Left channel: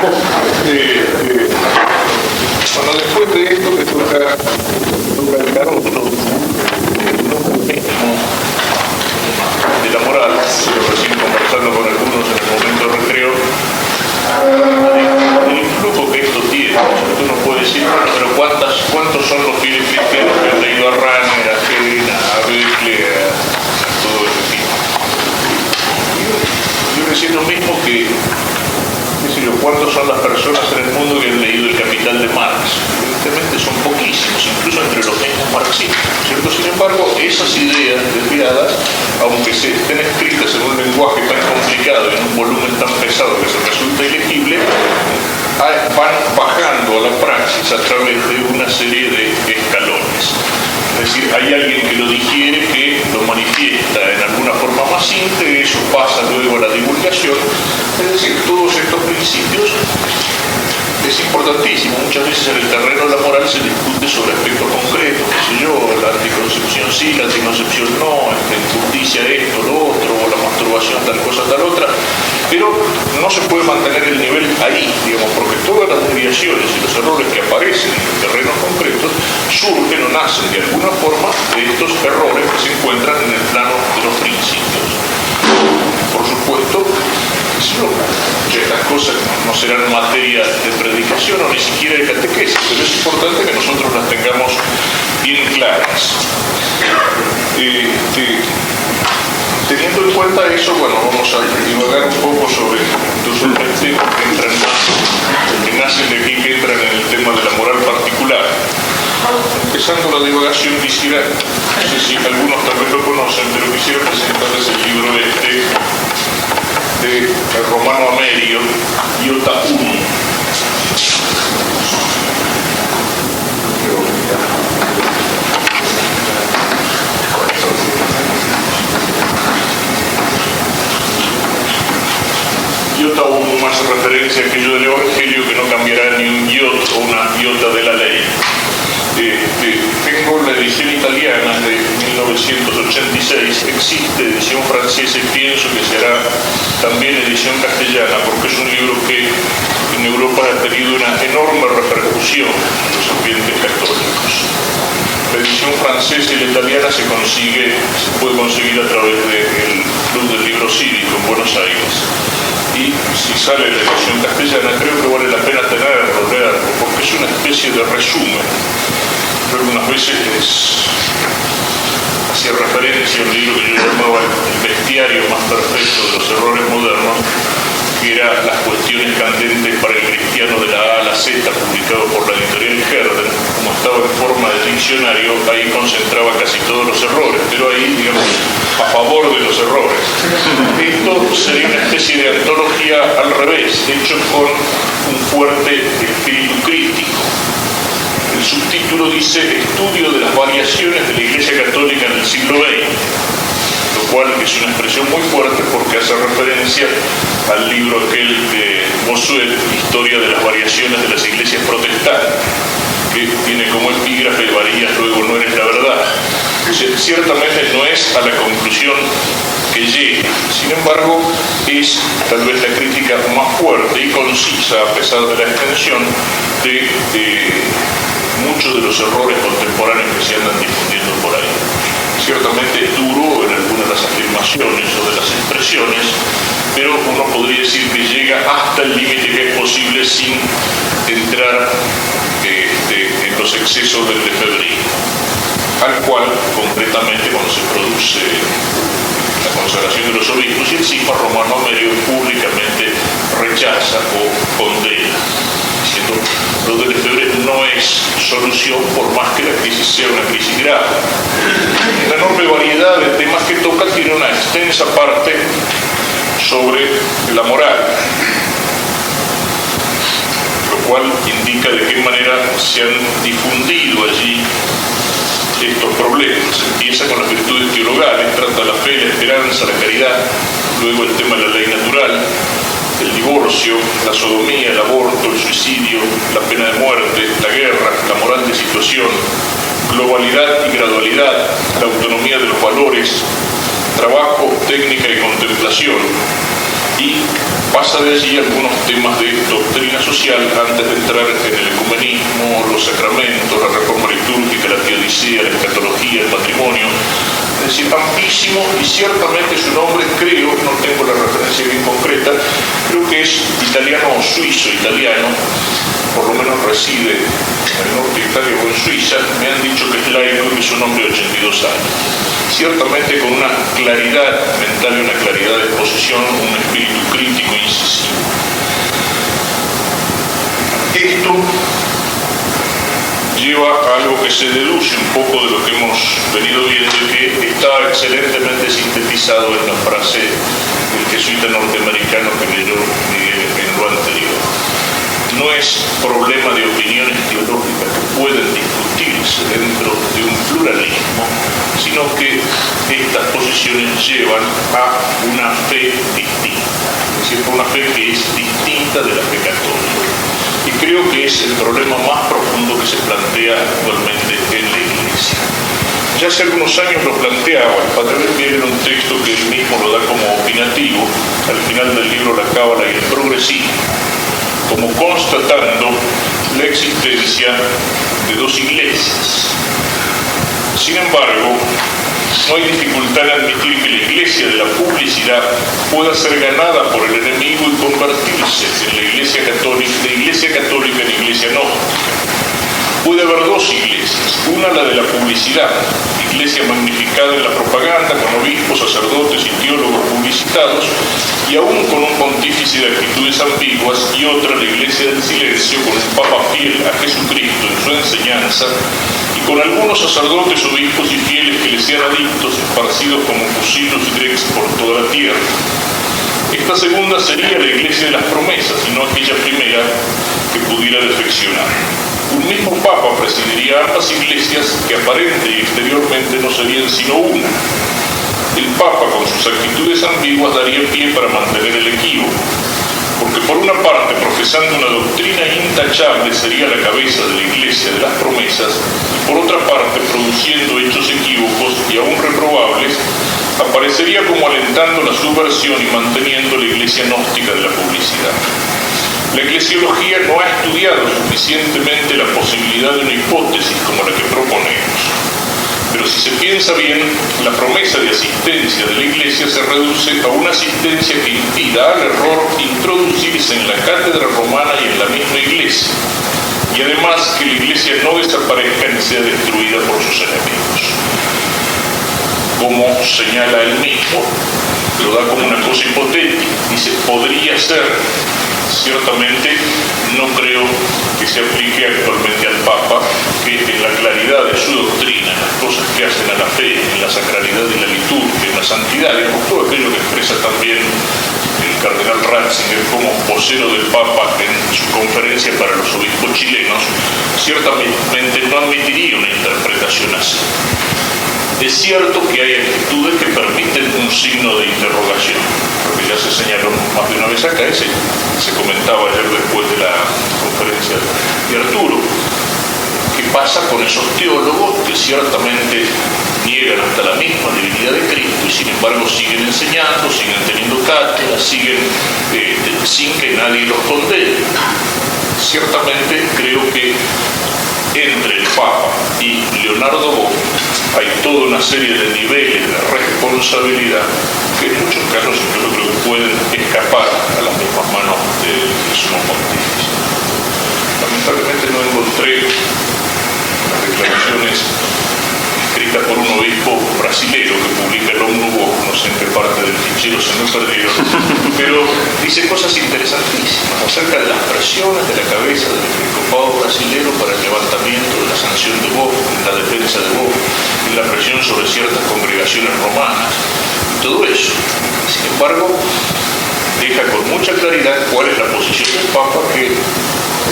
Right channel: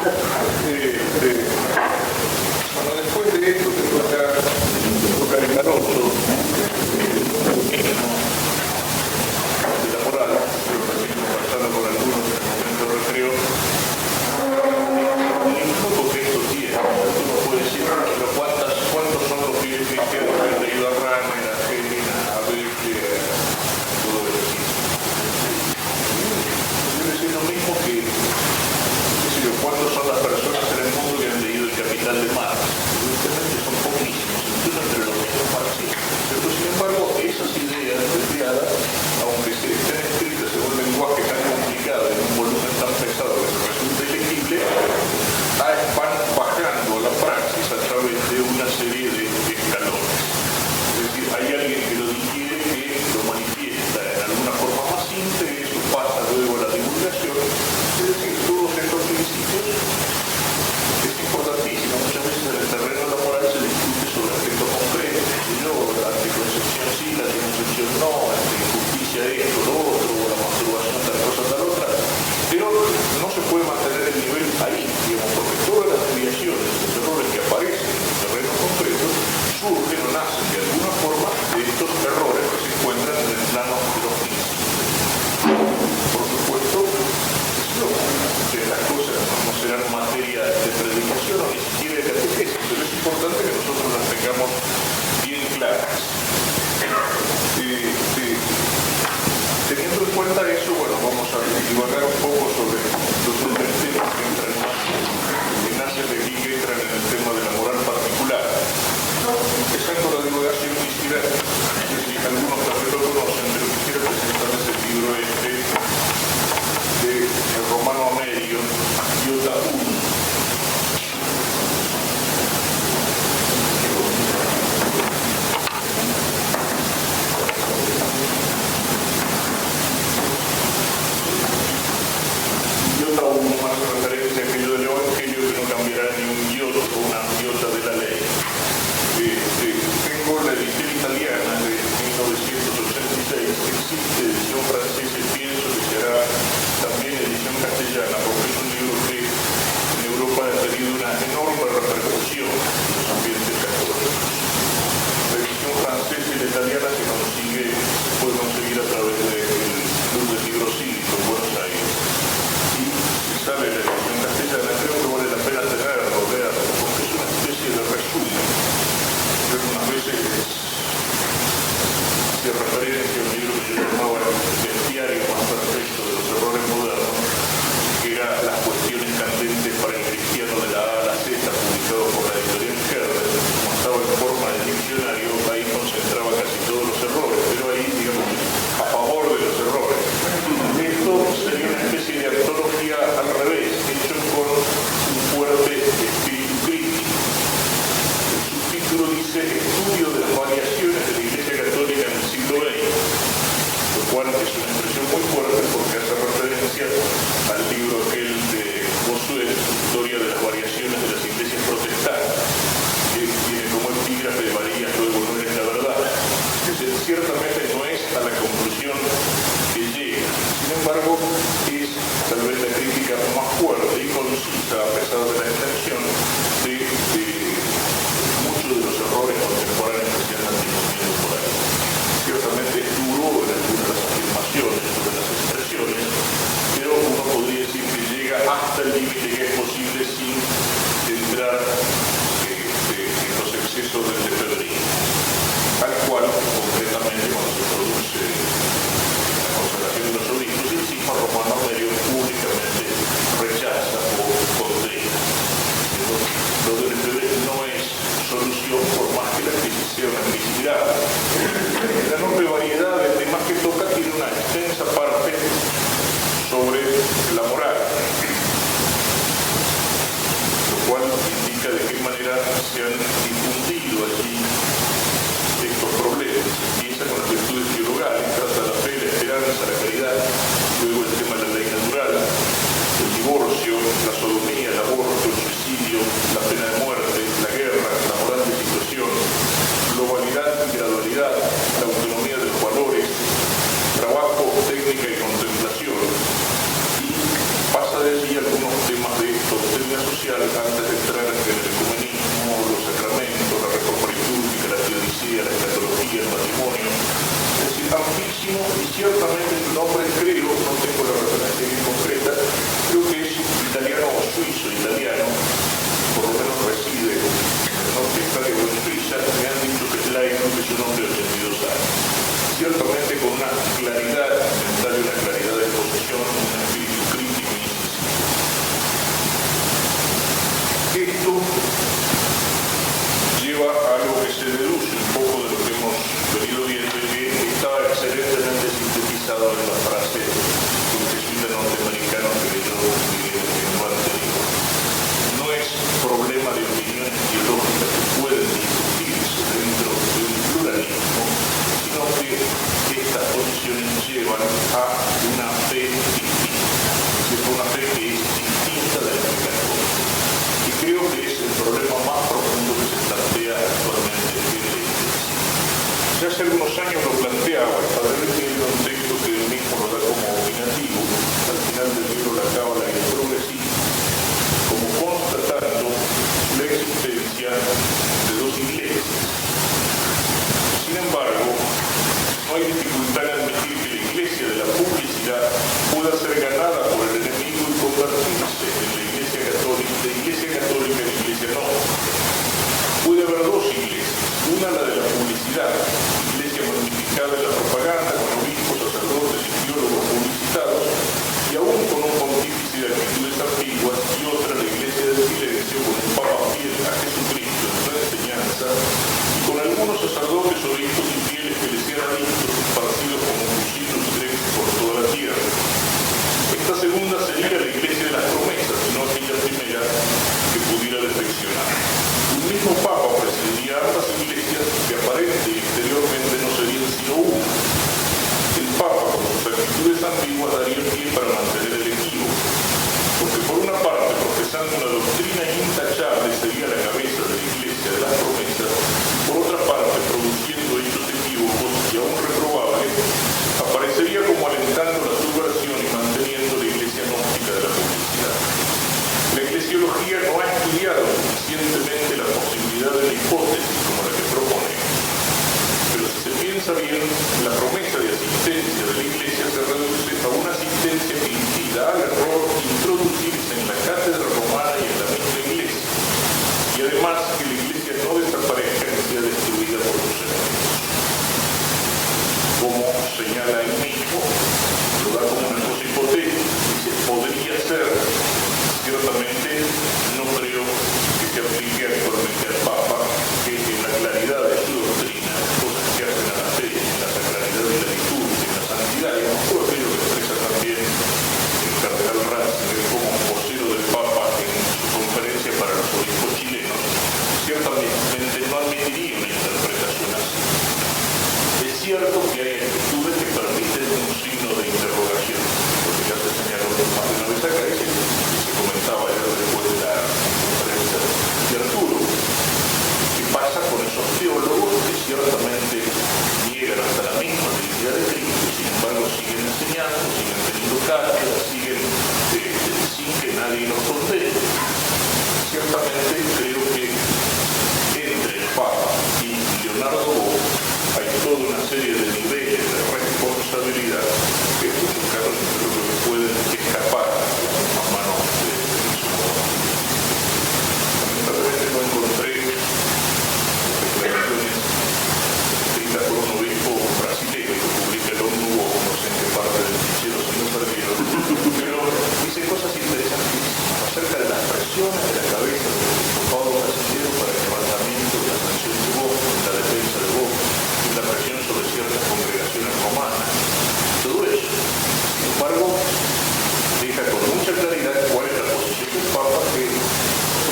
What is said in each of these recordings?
Bueno, después de esto que toca el carozo, de la moral, recién conversando con algunos en el momento de recreo, el influjo que esto tiene, porque uno puede decir, bueno, pero ¿cuántos son los fieles cristianos que han leído a Ranner, a Helena, a Becle, a todo ese tipo? Yo decía lo mismo que, qué sé yo, ¿cuántos son las personas en el mundo que han leído El Capital de Marx? Evidentemente son poquísimos, incluso entre los mismos marxistas, ¿cierto? Sin embargo, esas ideas desviadas, aunque se estén escritas en un lenguaje tan complicado y en un volumen tan pesado que se resulta ilegible, van bajando a la praxis a través de una serie de escalones. Es decir, hay alguien que lo digiere, que lo manifiesta en alguna forma más simple, eso pasa luego a la divulgación. Es decir, todos estos principios es importantísimo. Muchas veces en el terreno de la moral se discute sobre aspectos concretos, qué sé yo, la anticoncepción sí, la anticoncepción no, justicia esto, lo otro, o la masturbación, tal cosa, tal otra, pero no se puede mantener el nivel ahí, digamos, porque todas las desviaciones y los errores que aparecen en terrenos concretos surgen o nacen de alguna forma de estos errores que se encuentran en el plano de los principios. Por supuesto, estas cosas no serán materia de predicación o ni siquiera de catequesis, pero es importante que nosotros las tengamos bien claras. Teniendo en cuenta eso, bueno, vamos a divagar un poco sobre dos o tres temas que nacen de aquí, que entran en el tema de la moral particular. Empezando la divagación, quisiera, no sé si algunos tal vez lo conocen, pero quisiera presentarles el libro de Romano Amerio, Iota Uno. Iota Uno más referencia a aquello del Evangelio que no cambiará ni un iota o una iota de la ley. Tengo la edición italiana de 1986, existe edición francesa y pienso que será también edición castellana, porque es un libro que en Europa ha tenido una enorme repercusión en los ambientes católicos. La edición francesa y la italiana se puede conseguir a través del Club del Libro Cívico en Buenos Aires. Y si sale la edición castellana, creo que vale la pena tenerlo, leerlo, porque es una especie de resumen. Pero algunas veces hacía referencia a un libro que yo llamaba El bestiario más perfecto de los errores modernos, que era Las cuestiones candentes para el cristiano de la A a la Z, publicado por la editorial Herder. Como estaba en forma de diccionario, ahí concentraba casi todos los errores, pero ahí, digamos, a favor de los errores. Esto sería una especie de antología al revés, hecho con un fuerte espíritu crítico. El subtítulo dice Estudio de las variaciones de la Iglesia Católica en el siglo XX, lo cual es una expresión muy fuerte porque hace referencia al libro aquel de Bossuet, Historia de las variaciones de las iglesias protestantes, que tiene como epígrafe varías, luego no eres la verdad. Ciertamente no es a la conclusión que llega, sin embargo es tal vez la crítica más fuerte y concisa, a pesar de la extensión, de muchos de los errores contemporáneos que se andan difundiendo por ahí. Ciertamente es duro en algunas de las afirmaciones o de las expresiones, pero uno podría decir que llega hasta el límite que es posible sin entrar en los excesos del lefebrismo, al cual concretamente cuando se produce la consagración de los obispos y encima Romano Amerio públicamente rechaza o condena, diciendo lo del lefebrismo no es solución por más que la crisis sea una crisis grave. La enorme variedad de temas que toca tiene una extensa parte sobre la moral, lo cual indica de qué manera se han difundido allí estos problemas. Empieza con las virtudes teologales, trata la fe, la esperanza, la caridad, luego el tema de la ley natural, el divorcio, la sodomía, el aborto, el suicidio, la pena de muerte, la guerra, la moral de situación, globalidad y gradualidad, la autonomía de los valores, trabajo, técnica y contemplación, y Pasa de allí algunos temas de doctrina social antes de entrar en el ecumenismo, los sacramentos, la reforma litúrgica, la teodicea, la escatología, el matrimonio. Es decir, amplísimo, y ciertamente su nombre, creo, no tengo la referencia bien concreta, creo que es italiano o suizo-italiano, por lo menos reside en el norte de Italia o en Suiza. Me han dicho que es laico y que es un hombre de 82 años. Ciertamente con una claridad mental y una claridad de exposición, un espíritu crítico e incisivo. Esto lleva a algo que se deduce un poco de lo que hemos venido viendo y que está excelentemente sintetizado en la frase del jesuita norteamericano que leyó Miguel en lo anterior. No es problema de opiniones teológicas que pueden discutirse dentro de un pluralismo, sino que estas posiciones llevan a una fe distinta, es decir, una fe que es distinta de la fe católica. Y creo que es el problema más profundo que se plantea actualmente en la Iglesia. Ya hace algunos años lo planteaba el padre Befier en un texto que él mismo lo da como opinativo, al final del libro La Cábala y el Progresismo, como constatando la existencia de dos iglesias. Sin embargo, no hay dificultad en admitir que la iglesia de la publicidad pueda ser ganada por el enemigo y convertirse en la iglesia católica, de iglesia católica en iglesia gnóstica. Puede haber dos iglesias, una la de la publicidad, iglesia magnificada en la propaganda, con obispos, sacerdotes y teólogos publicitados, y aún con un pontífice de actitudes ambiguas, y otra la iglesia del silencio, con un papa fiel a Jesucristo en su enseñanza, y con algunos sacerdotes, obispos y fieles que le sean adictos, esparcidos como fusilos y grecs por toda la tierra. Esta segunda sería la iglesia de las promesas, y no aquella primera que pudiera defeccionar. Un mismo papa presidiría ambas iglesias que aparente y exteriormente no serían sino una. El papa, con sus actitudes ambiguas, daría pie para mantener el equívoco, porque por una parte, profesando una doctrina intachable, sería la cabeza de la iglesia de las promesas, y por otra parte, produciendo hechos equívocos y aún reprobables, aparecería como alentando la subversión y manteniendo la iglesia gnóstica de la publicidad. La eclesiología no ha estudiado suficientemente la posibilidad de una hipótesis como la que proponemos. Pero si se piensa bien, la promesa de asistencia de la Iglesia se reduce a una asistencia que impida al error introducirse en la cátedra romana y en la misma Iglesia, y además que la Iglesia no desaparezca ni sea destruida por sus enemigos. Como señala él mismo, lo da como una cosa hipotética, dice, podría ser. Ciertamente no creo que se aplique actualmente al Papa, que en la claridad de su doctrina, en las cosas que hacen a la fe, en la sacralidad y la liturgia, en la santidad, y en todo aquello que expresa también el cardenal Ratzinger como vocero del Papa en su conferencia para los obispos chilenos, ciertamente no admitiría una interpretación así. Es cierto que hay actitudes que permiten un signo de interrogación, porque ya se señaló más de una vez acá, se comentaba ayer después de la conferencia de Arturo. ¿Qué pasa con esos teólogos que ciertamente niegan hasta la misma divinidad de Cristo y sin embargo siguen enseñando, siguen teniendo cátedras, siguen sin que nadie los condene? Ciertamente creo que entre el Papa y Leonardo Boff hay toda una serie de niveles de responsabilidad que en muchos casos yo creo que pueden escapar a las mismas manos del sumo pontífice. Lamentablemente no encontré las declaraciones escritas por un obispo brasilero que publica el Omnubo, no sé en qué parte del fichero se me perdieron, pero dice cosas interesantísimas acerca de las presiones de la cabeza del episcopado brasilero para el levantamiento de la sanción de Boff, en la defensa de Boff, y la presión sobre ciertas congregaciones romanas, todo eso. Sin embargo, deja con mucha claridad cuál es la posición del Papa, que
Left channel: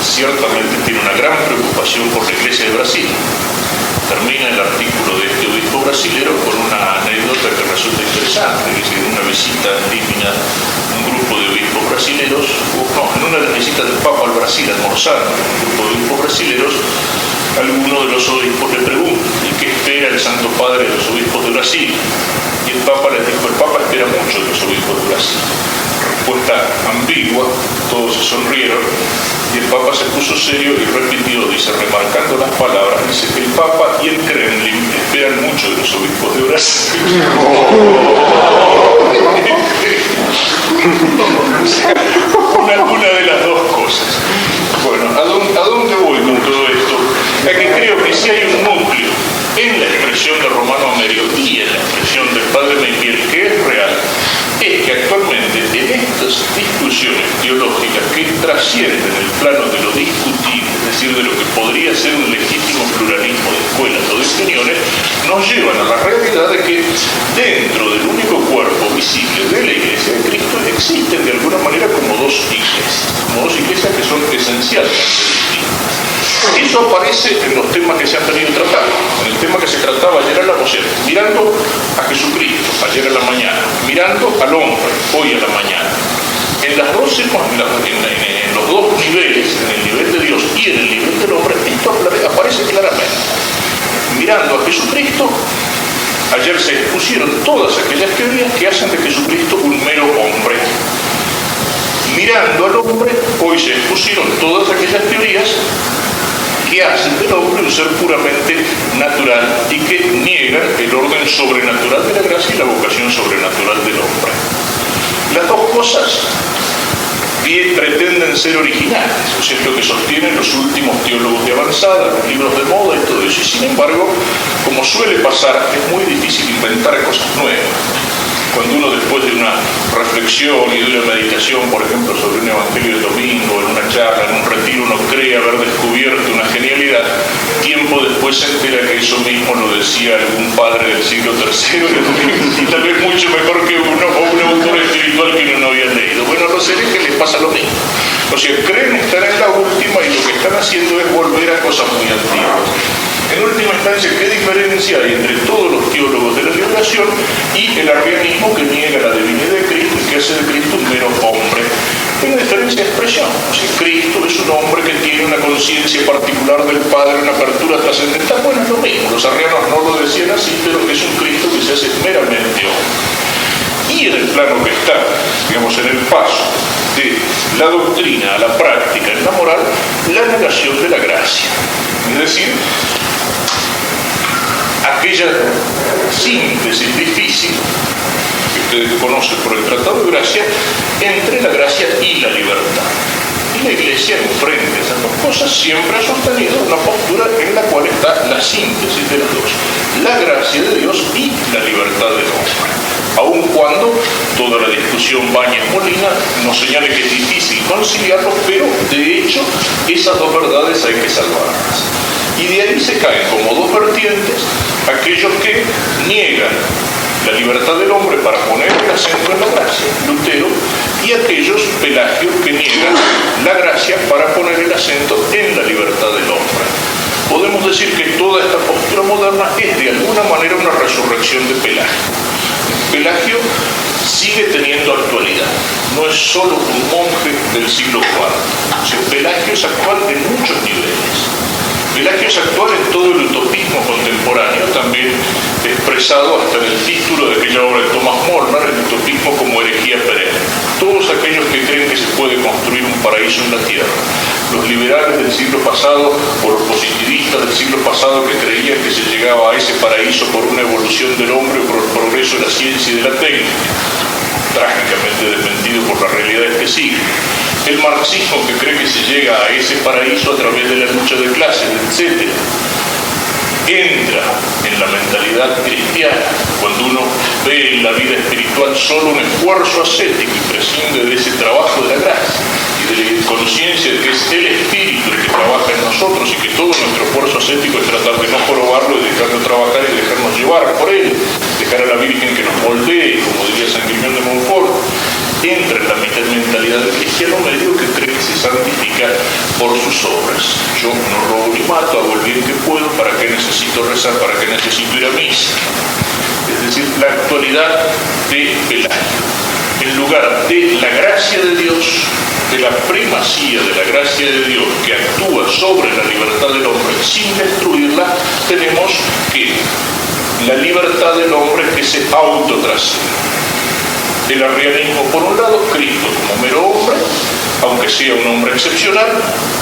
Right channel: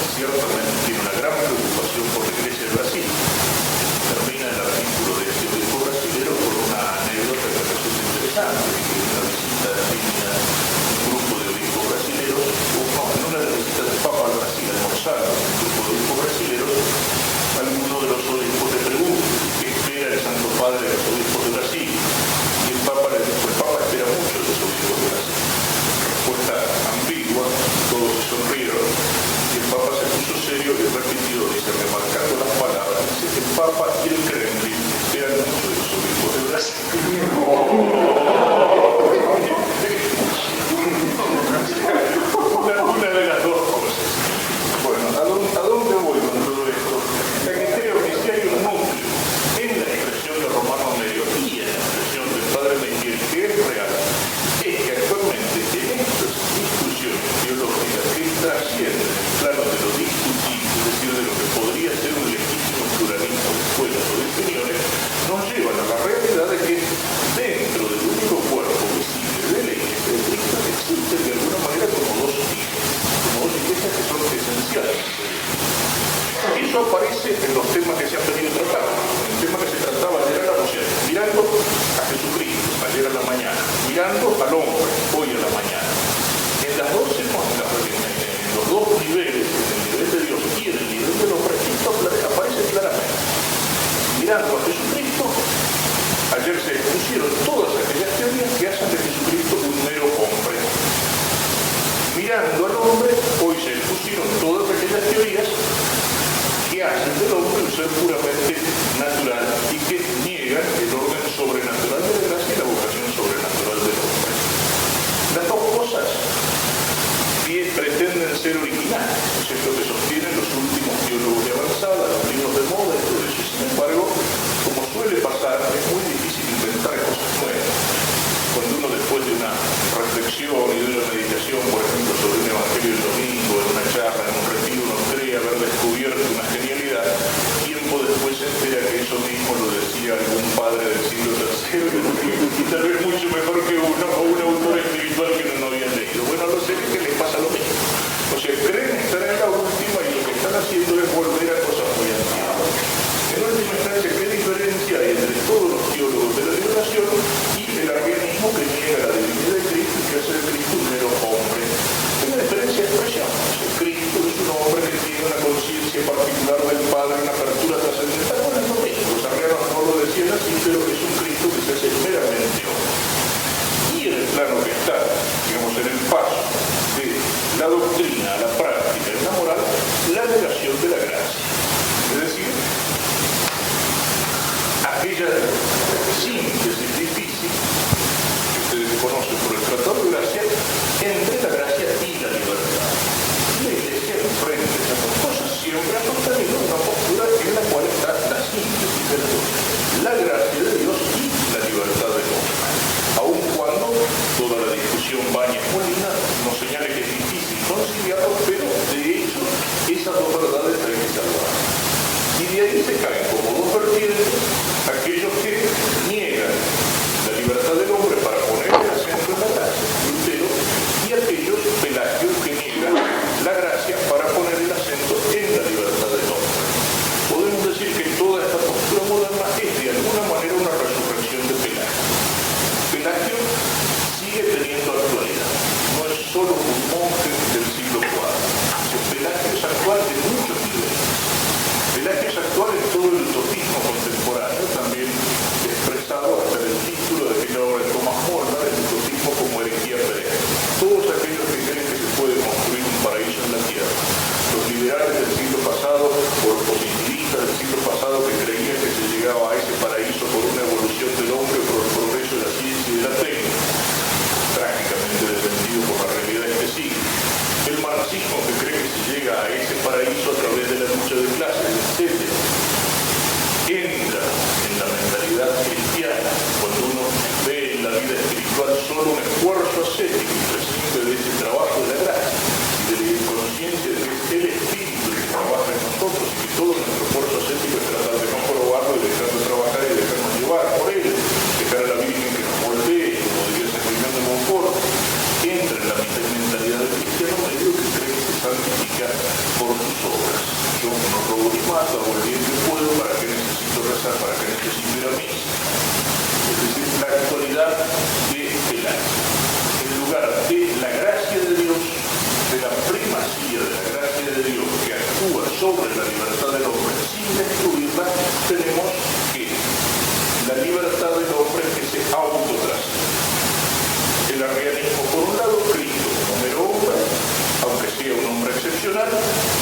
ciertamente tiene una gran preocupación por la Iglesia de Brasil. Termina el artículo de este obispo brasilero con una anécdota que resulta interesante. Dice que en una visita andina, un grupo de obispos brasileros, en una de las visitas del Papa al Brasil, almorzando con un grupo de obispos brasileros, alguno de los obispos le pregunta, ¿y qué espera el Santo Padre de los obispos de Brasil? Y el Papa les dijo, el Papa espera mucho de los obispos de Brasil. respuesta ambigua, todos se sonrieron y el Papa se puso serio y repitió, dice, remarcando las palabras, dice que el Papa y el Kremlin esperan mucho de los obispos de Brasil. Una de las dos cosas. Bueno, ¿a dónde voy con todo esto? A que creo que si hay un núcleo en la expresión de Romano Amerio y en la expresión del Padre Meigiel que es real, es que actualmente en estas discusiones teológicas que trascienden el plano de lo discutible, es decir, de lo que podría ser un legítimo pluralismo de escuelas o de opiniones, nos llevan a la realidad de que dentro del único cuerpo visible de la Iglesia de Cristo existen de alguna manera como dos iglesias que son esencialmente distintas. Eso aparece en los temas que se han venido tratando. En el tema que se trataba ayer a la noche, mirando a Jesucristo, ayer a la mañana, mirando al hombre, hoy a la mañana. En los dos niveles, en el nivel de Dios y en el nivel del hombre, esto aparece claramente. Mirando a Jesucristo, ayer se expusieron todas aquellas teorías que hacen de Jesucristo un mero hombre. Mirando al hombre, hoy se expusieron todas aquellas teorías que hacen del hombre un ser puramente natural y que niegan el orden sobrenatural de la gracia y la vocación sobrenatural del hombre. Las dos cosas pretenden ser originales, o sea, es lo que sostienen los últimos teólogos de avanzada, los libros de moda y todo eso. Y sin embargo, como suele pasar, es muy difícil inventar cosas nuevas. Cuando uno después de una reflexión y de una meditación, por ejemplo, sobre un evangelio del domingo, en una charla, en un retiro, uno cree haber descubierto una genialidad, tiempo después se entera que eso mismo lo decía algún padre del siglo III y tal vez mucho mejor que uno, o un autor espiritual que uno no había leído. Bueno, a los herejes les pasa lo mismo. O sea, creen estar en la última y lo que están haciendo es volver a cosas muy antiguas. En última instancia, ¿qué diferencia hay entre todos los teólogos de la liberación y el arrianismo que niega la divinidad de Cristo y que hace de Cristo un mero hombre? Hay una diferencia de expresión. O sea, Cristo es un hombre que tiene una conciencia particular del Padre, una apertura trascendental. Bueno, es lo mismo. Los arrianos no lo decían así, pero es un Cristo que se hace meramente hombre. Y en el plano que está, digamos, en el paso de la doctrina a la práctica, en la moral, la negación de la gracia. Es decir, aquella síntesis difícil que ustedes conocen por el Tratado de Gracia entre la gracia y la libertad. Y la Iglesia, enfrente a esas dos cosas, siempre ha sostenido una postura en la cual está la síntesis de las dos: la gracia de Dios y la libertad del hombre. Aun cuando toda la discusión Bañez-Molina nos señale que es difícil conciliarlos, pero de hecho esas dos verdades hay que salvarlas. Y de ahí se caen como dos vertientes aquellos que niegan la libertad del hombre para poner el acento en la gracia, Lutero, y aquellos, Pelagio, que niegan la gracia para poner el acento en la libertad del hombre. Podemos decir que toda esta postura moderna es de alguna manera una resurrección de Pelagio. Pelagio sigue teniendo actualidad, no es solo un monje del siglo IV. O sea, Pelagio es actual en muchos niveles. Pelagio es actual en todo el utopismo contemporáneo, también expresado hasta en el título de aquella obra de Thomas Molnar, el utopismo como herejía perenne. Todos aquellos que creen que se puede construir un paraíso en la tierra. Los liberales del siglo pasado o los positivistas del siglo pasado que creían que se llegaba a ese paraíso por una evolución del hombre o por el progreso de la ciencia y de la técnica, trágicamente desmentido por las realidades que siguen. El marxismo que cree que se llega a ese paraíso a través de la lucha de clases, etc. Entra en la mentalidad cristiana cuando uno ve en la vida espiritual solo un esfuerzo ascético y prescinde de ese trabajo de la gracia y de la conciencia de que es el Espíritu el que trabaja en nosotros y que todo nuestro esfuerzo ascético es tratar de no probarlo, de dejarlo trabajar y dejarnos llevar por él, dejar a la Virgen que nos moldee, como diría San Guillermo de Montfort. Entra en la mentalidad del cristiano medio que cree que se santifica por sus obras. Yo no robo ni mato, hago el bien que puedo, ¿para qué necesito rezar? ¿Para qué necesito ir a misa? Es decir, la actualidad de Pelagio. En lugar de la gracia de Dios, de la primacía de la gracia de Dios que actúa sobre la libertad del hombre sin destruirla, tenemos que la libertad del hombre que se autotrasciende. El arrianismo por un lado, Cristo como mero hombre, aunque sea un hombre excepcional,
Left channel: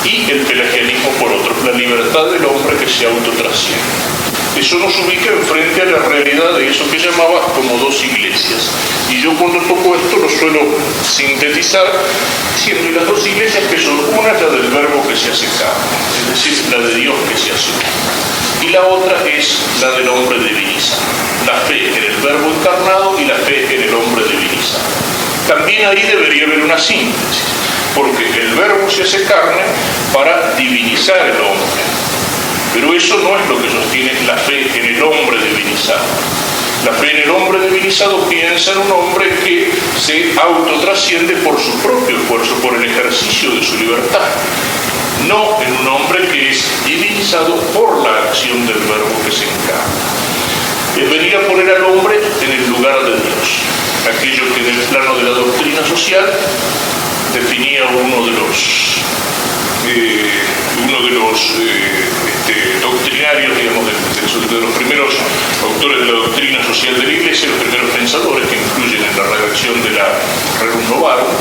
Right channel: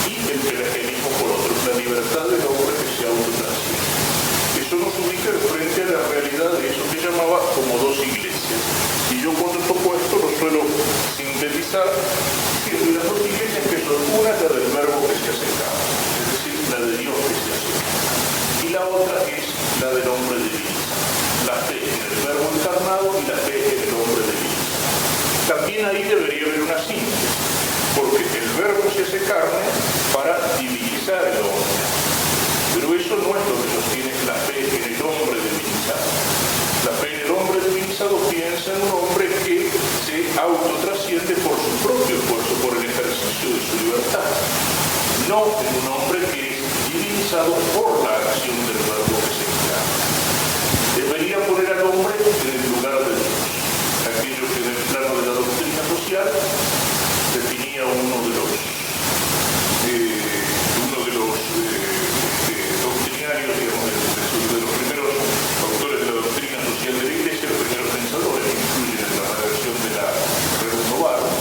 y el pelagianismo por otro, la libertad del hombre que se autotrasciende. Eso nos ubica enfrente a la realidad de eso que llamaba como dos iglesias. Y yo cuando toco esto lo suelo sintetizar diciendo, y las dos iglesias que son, una es la del verbo que se hace carne, es decir, la de Dios que se hace hombre, y la otra es la del hombre divinizado, la fe en el verbo encarnado y la fe en el hombre divinizado. También ahí debería haber una síntesis, porque el verbo se hace carne para divinizar el hombre. Pero eso no es lo que sostiene la fe en el hombre divinizado. La fe en el hombre divinizado piensa en un hombre que se autotrasciende por su propio esfuerzo, por el ejercicio de su libertad. No en un hombre que es divinizado por la acción del verbo que se encarna. Debería poner al hombre en el lugar de Dios. Aquello que en el plano de la doctrina social definía uno de los doctrinarios, digamos, de los primeros autores de la doctrina social de la Iglesia, los primeros pensadores que influyen en la redacción de la Rerum Novarum,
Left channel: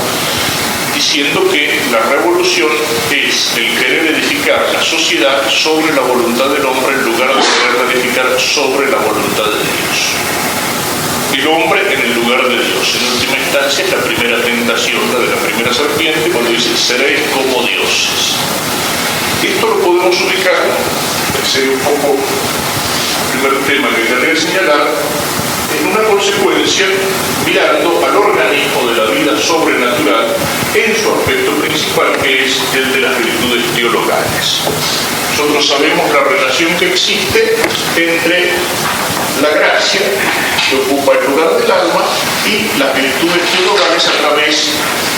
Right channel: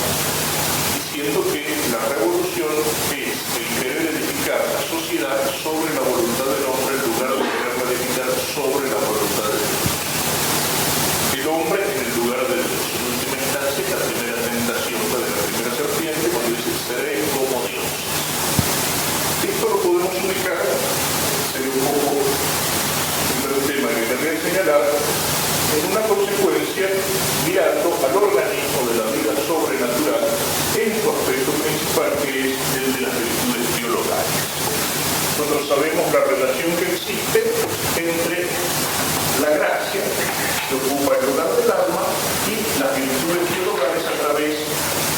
diciendo que la revolución es el querer edificar la sociedad sobre la voluntad del hombre en lugar de querer edificar sobre la voluntad de Dios. El hombre en el lugar de Dios. En última instancia es la primera tentación, la de la primera serpiente, cuando dice, seréis como dioses. Esto lo podemos ubicar, pensé un poco el primer tema que quería señalar, en una consecuencia mirando al organismo de la vida sobrenatural en su aspecto principal, que es el de las virtudes teologales. Nosotros sabemos la relación que existe entre la gracia, que ocupa el lugar del alma, y las virtudes teologales a través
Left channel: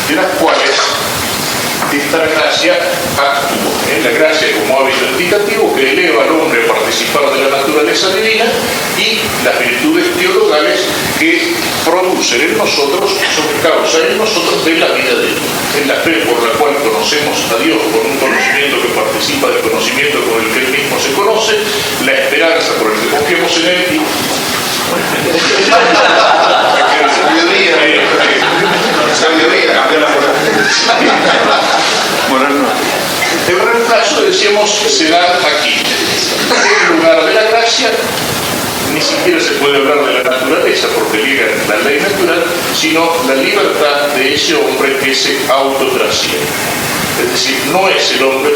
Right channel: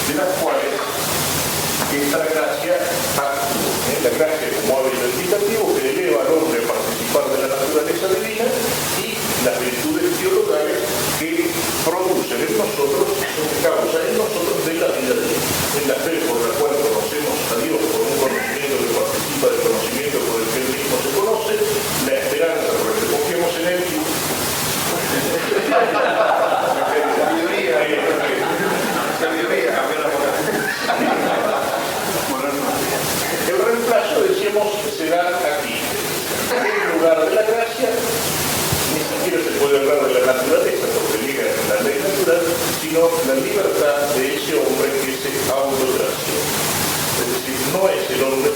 de las cuales esta gracia actúa. La gracia como hábito indicativo que eleva al hombre a participar de la naturaleza divina, y las virtudes teologales que producen en nosotros, son causa en nosotros de la vida de Dios. En la fe por la cual conocemos a Dios, con un conocimiento que participa del conocimiento con el que Él mismo se conoce, la esperanza por el que confiamos en Él y sabiduría, cambiar la el reemplazo, decíamos, se da aquí. En lugar de la gracia, ni siquiera se puede hablar de la naturaleza, porque liga la ley natural, sino la libertad de ese hombre que se autotrasciende. Es decir, no es el hombre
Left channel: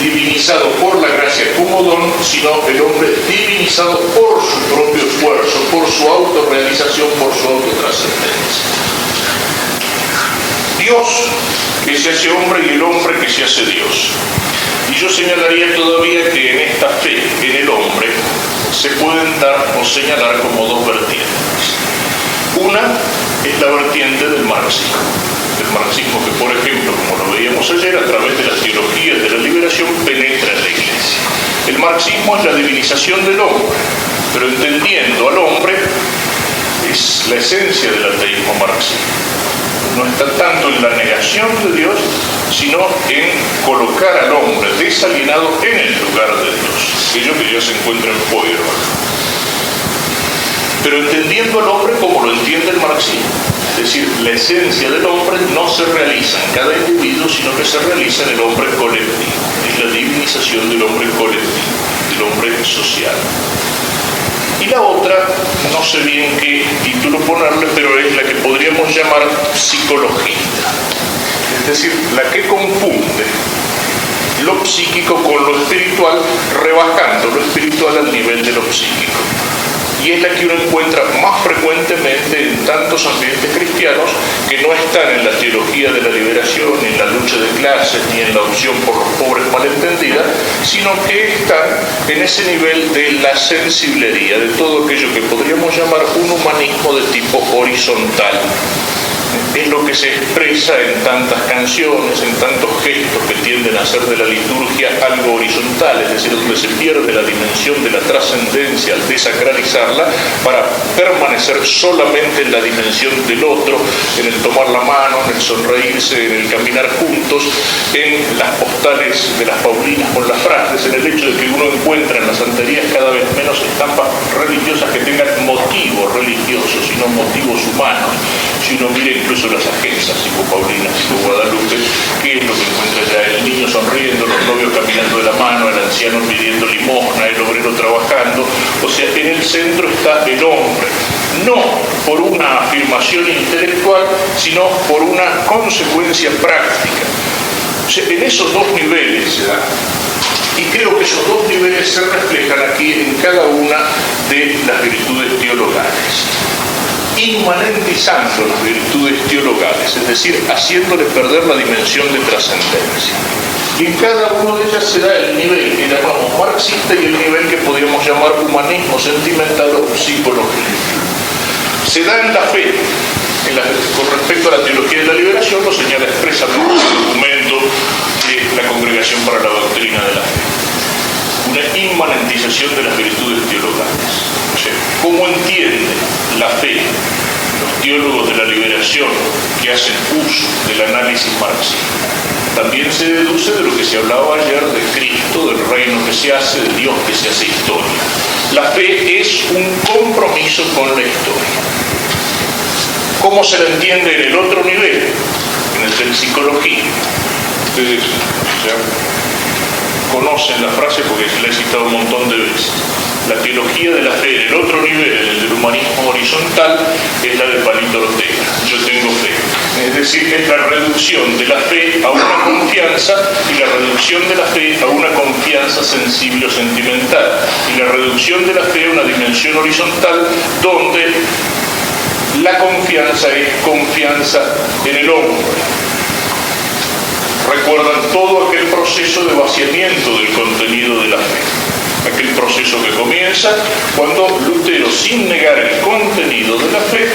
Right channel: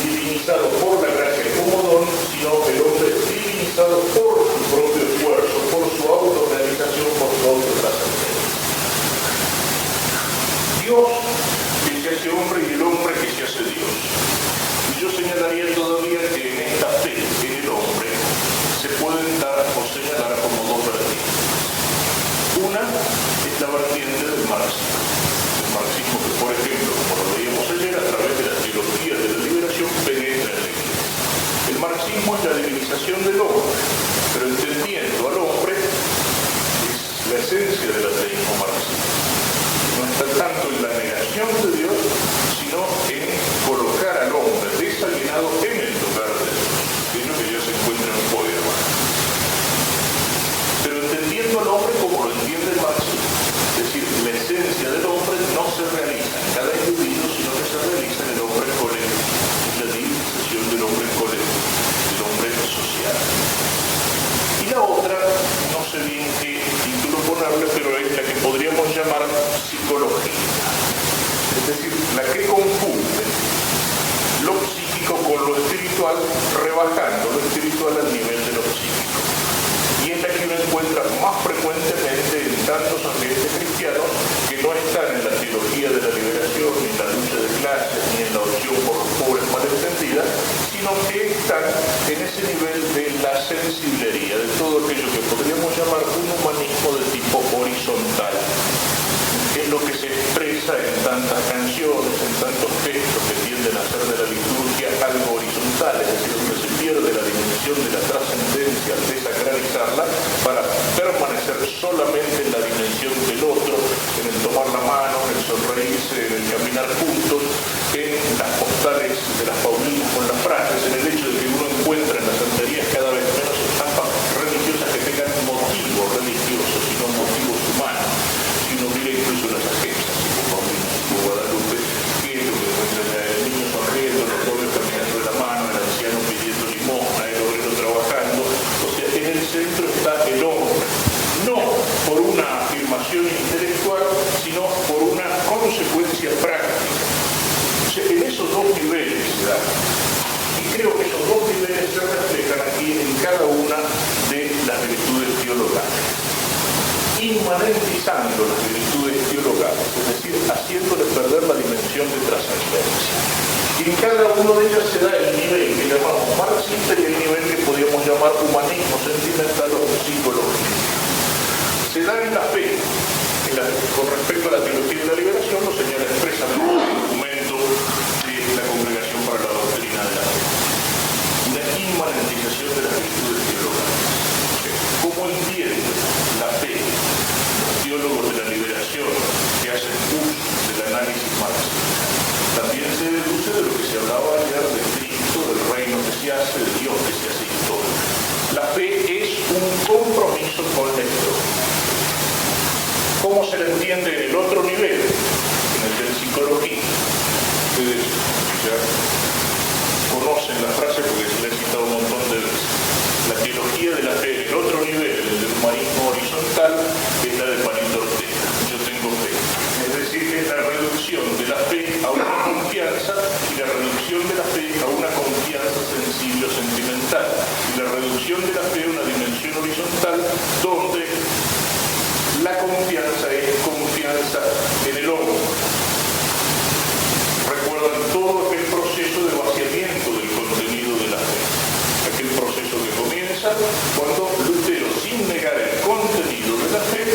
divinizado por la gracia como don, sino el hombre divinizado por su propio esfuerzo, por su autorrealización, por su autotrascendencia. Dios que se hace hombre y el hombre que se hace Dios. Y yo señalaría todavía que en esta fe en el hombre se pueden dar o señalar como dos vertientes. Una es la vertiente del marxismo. El marxismo que, por ejemplo, como lo veíamos ayer, a través de las teologías de la liberación penetra en la Iglesia. El marxismo es la divinización del hombre, pero entendiendo al hombre es la esencia del ateísmo marxista. No está tanto en la negación de Dios, sino en colocar al hombre desalienado en el lugar de Dios, aquello que ya se encuentra en Feuerbach. Pero entendiendo al hombre como lo entiende el marxismo, es decir, la esencia del hombre no se realiza en cada individuo, sino que se realiza en el hombre colectivo. Es la divinización del hombre colectivo, del hombre social. Y la otra, no sé bien qué título ponerle, pero es la que podríamos llamar psicología. Es decir, la que confunde lo psíquico con lo espiritual, rebajando lo espiritual al nivel de lo psíquico. Y es la que uno encuentra más frecuentemente en tantos ambientes cristianos que no están en la teología de la liberación, ni en la lucha de clases, ni en la opción por los pobres malentendida, sino que están en ese nivel de la sensiblería, de todo aquello que podríamos llamar un humanismo de tipo horizontal. Es lo que se expresa en tantas canciones, en tantos gestos que tienden a hacer de la liturgia algo horizontal, es decir, donde se pierde la dimensión de la trascendencia al desacralizarla para permanecer solamente en la dimensión del otro, en el tomar la mano, en el sonreírse, en el caminar juntos, en las postales de las Paulinas con las frases, en el hecho de que uno encuentra en las santerías cada vez menos estampas religiosas que tengan motivos religiosos, sino motivos humanos. Si uno mira incluso las agencias, tipo Paulina, tipo Guadalupe, ¿qué es lo que encuentra ya? El niño sonriendo, los novios caminando de la mano, el anciano pidiendo limosna, el obrero trabajando. O sea, en el centro está el hombre, no por una afirmación intelectual, sino por una consecuencia práctica. O sea, en esos dos niveles se da. Y creo que esos dos niveles se reflejan aquí en cada una de las virtudes teologales, inmanentizando las virtudes teologales, es decir, haciéndole perder la dimensión de trascendencia. Y en cada uno de ellas se da el nivel que llamamos marxista y el nivel que podríamos llamar humanismo sentimental o psicología. Se da en la fe, con respecto a la teología de la liberación, lo señala expresamente el documento de la Congregación para la Doctrina de la Fe. Una inmanentización de las virtudes teologales. O sea, ¿cómo entiende la fe los teólogos de la liberación que hacen uso del análisis marxista? También se deduce de lo que se hablaba ayer de Cristo, del reino que se hace, de Dios que se hace historia. La fe es un compromiso con la historia. ¿Cómo se la entiende en el otro nivel? En el de la psicología. Ustedes ya conocen la frase porque se la he citado un montón de veces. La teología de la fe en el otro nivel, en el del humanismo horizontal, es la de Palito Ortega. Yo tengo fe. Es decir, es la reducción de la fe a una confianza y la reducción de la fe a una confianza sensible o sentimental. Y la reducción de la fe a una dimensión horizontal donde la confianza es confianza en el hombre. Recuerdan todo aquel proceso de vaciamiento del contenido de la fe. Aquel proceso que comienza cuando Lutero, sin negar el contenido de la fe,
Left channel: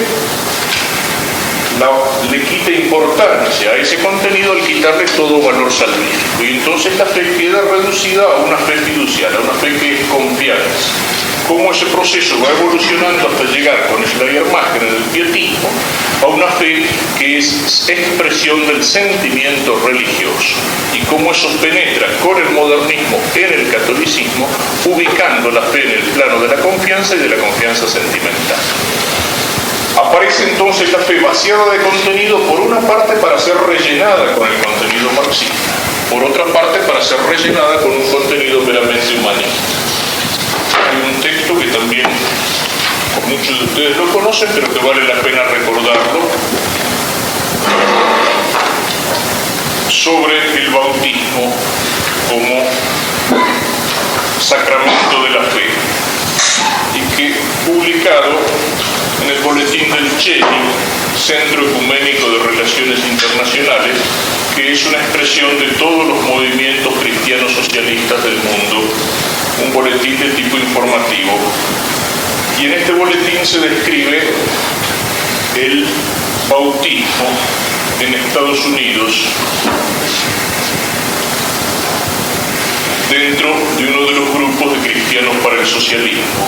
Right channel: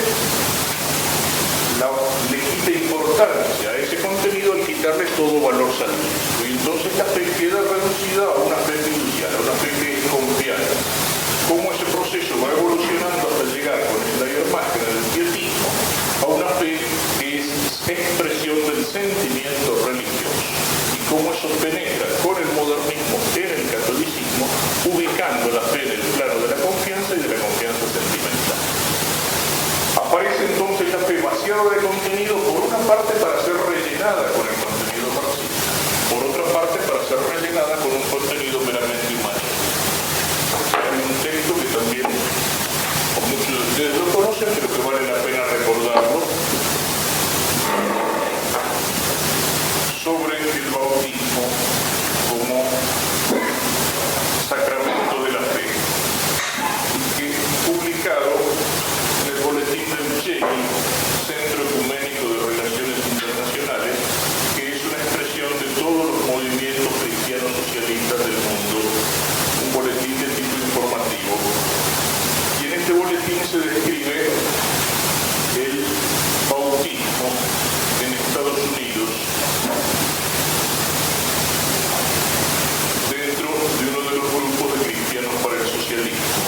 le quita importancia a ese contenido al quitarle todo valor salvífico. Y entonces la fe queda reducida a una fe fiducial, a una fe que es confianza. Cómo ese proceso va evolucionando hasta llegar con Schleiermacher en el pietismo a una fe que es expresión del sentimiento religioso y cómo eso penetra con el modernismo en el catolicismo, ubicando la fe en el plano de la confianza y de la confianza sentimental. Aparece entonces la fe vaciada de contenido, por una parte para ser rellenada con el contenido marxista, por otra parte para ser rellenada con un contenido meramente humanista. Hay un texto que también muchos de ustedes lo conocen, pero que vale la pena recordarlo, sobre el bautismo como sacramento de la fe, y que publicado en el boletín del CELI, Centro Ecuménico de Relaciones Internacionales, que es una expresión de todos los movimientos cristianos socialistas del mundo, un boletín de tipo informativo. Y en este boletín se describe el bautismo en Estados Unidos dentro de uno de los grupos de cristianos para el socialismo,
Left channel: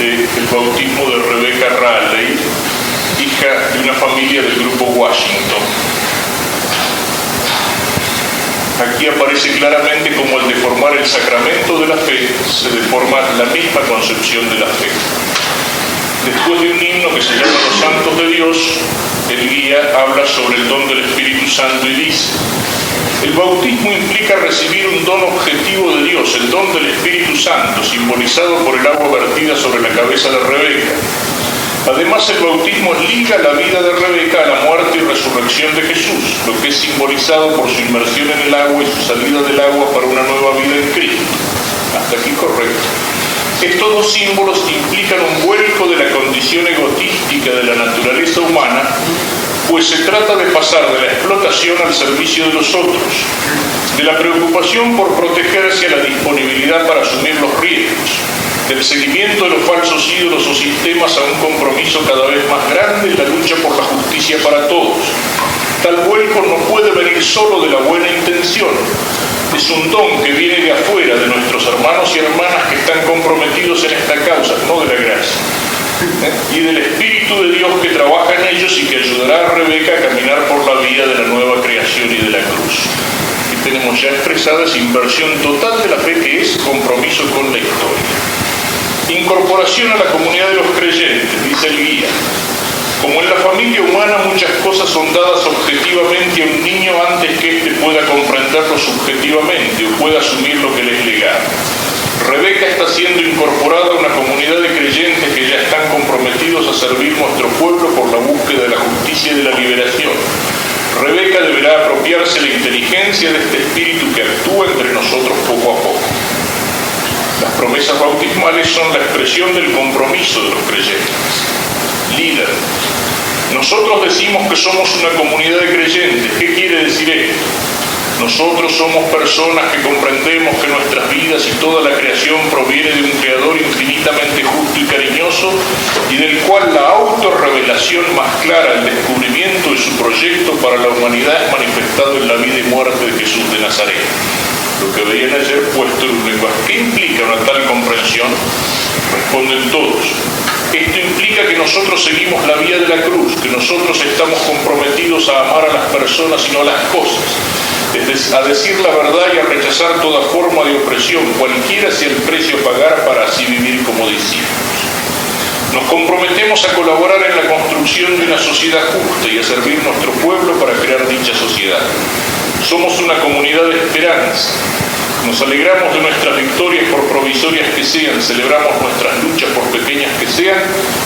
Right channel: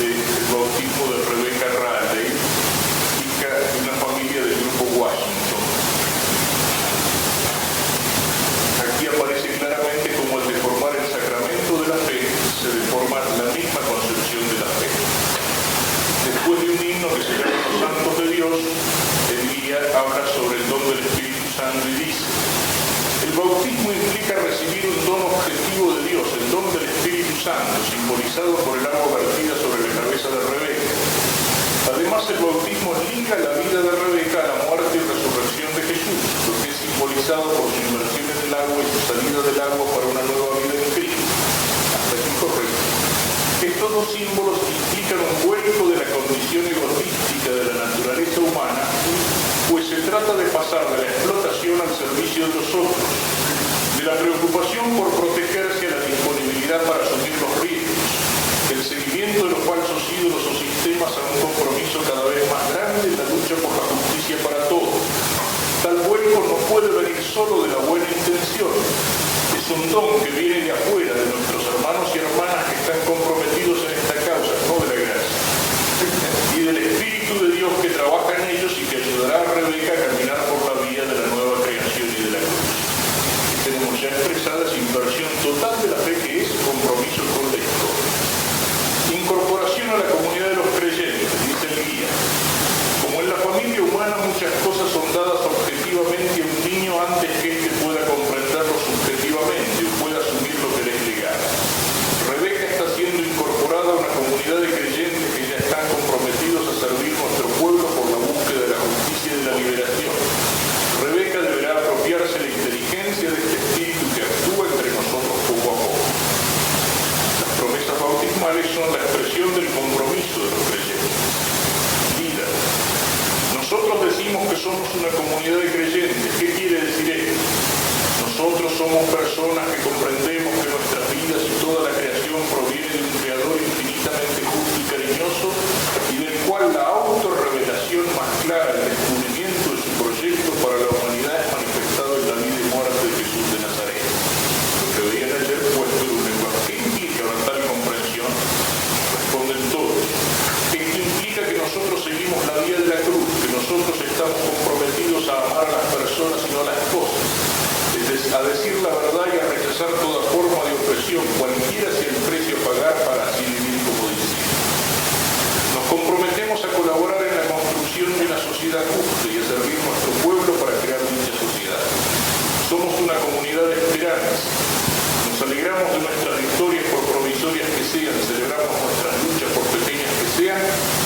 el bautismo de Rebecca Raleigh, hija de una familia del grupo Washington. Aquí aparece claramente cómo al deformar el sacramento de la fe se deforma la misma concepción de la fe. Después de un himno que se llama Los Santos de Dios, el guía habla sobre el don del Espíritu Santo y dice: el bautismo implica recibir un don objetivo de Dios, el don del Espíritu Santo, simbolizado por el agua vertida sobre la cabeza de Rebeca. Además, el bautismo liga la vida de Rebeca a la muerte y resurrección de Jesús, lo que es simbolizado por su inmersión en el agua y su salida del agua para una nueva vida en Cristo. Hasta aquí correcto. Estos dos símbolos implican un vuelco de la condición egotística de la naturaleza humana, pues se trata de pasar de la explotación al servicio de los otros, de la preocupación por protegerse a la disponibilidad para asumir los riesgos, del seguimiento de los falsos ídolos o sistemas a un compromiso cada vez más grande en la lucha por la justicia para todos, Tal vuelco no puede venir solo de la buena intención. Es un don que viene de afuera, de nuestros hermanos y hermanas que están comprometidos en esta causa, no de la gracia. Y del Espíritu de Dios que trabaja en ellos y que ayudará a Rebeca a caminar por la vía de la nueva creación y de la cruz. Y tenemos ya expresada esa inversión total de la fe, que es compromiso con la historia. Incorporación a la comunidad de los creyentes, dice el guía. Como en la familia humana muchas cosas son dadas objetivamente a un niño antes que éste pueda comprenderlo subjetivamente o pueda asumir lo que le es legado. Rebeca está siendo incorporada a una comunidad de creyentes que ya están comprometidos a servir nuestro pueblo por la búsqueda de la justicia y de la liberación. Rebeca deberá apropiarse la inteligencia de este espíritu que actúa entre nosotros poco a poco. Las promesas bautismales son la expresión del compromiso de los creyentes. Líder. Nosotros decimos que somos una comunidad de creyentes. ¿Qué quiere decir esto? Nosotros somos personas que comprendemos que nuestras vidas y toda la creación proviene de un Creador infinitamente justo y cariñoso y del cual la autorrevelación más clara, el descubrimiento de su proyecto para la humanidad es manifestado en la vida y muerte de Jesús de Nazaret. Lo que veían ayer puesto en un lenguaje. ¿Qué implica una tal comprensión? Responden todos. Esto implica que nosotros seguimos la vía de la cruz, que nosotros estamos comprometidos a amar a las personas y no a las cosas, a decir la verdad y a rechazar toda forma de opresión, cualquiera sea el precio a pagar para así vivir como discípulos. Nos comprometemos a colaborar en la construcción de una sociedad justa y a servir nuestro pueblo para crear dicha sociedad. Somos una comunidad de esperanza. Nos alegramos de nuestras victorias por provisorias que sean, celebramos nuestras luchas por pequeñas que sean,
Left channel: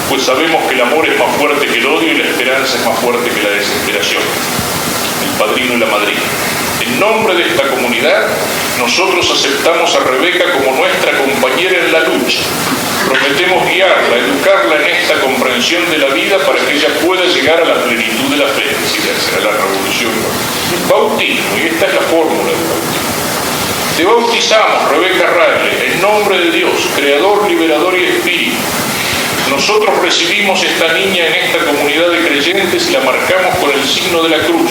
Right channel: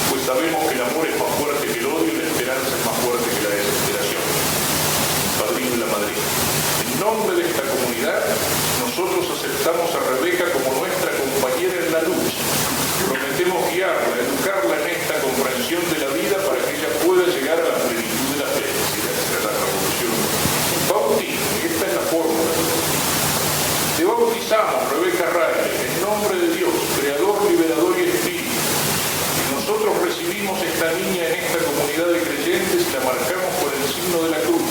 pues sabemos que el amor es más fuerte que el odio y la esperanza es más fuerte que la desesperación. El padrino y la madrina. En nombre de esta comunidad, nosotros aceptamos a Rebeca como nuestra compañera en la lucha. Prometemos guiarla, educarla en esta comprensión de la vida para que ella pueda llegar a la plenitud de la felicidad, será la revolución. Bautismo, y esta es la fórmula del bautismo. Te bautizamos, Rebeca Ragli, en nombre de Dios, Creador, Liberador y Espíritu. Nosotros recibimos esta niña en esta comunidad de creyentes y la marcamos con el signo de la cruz,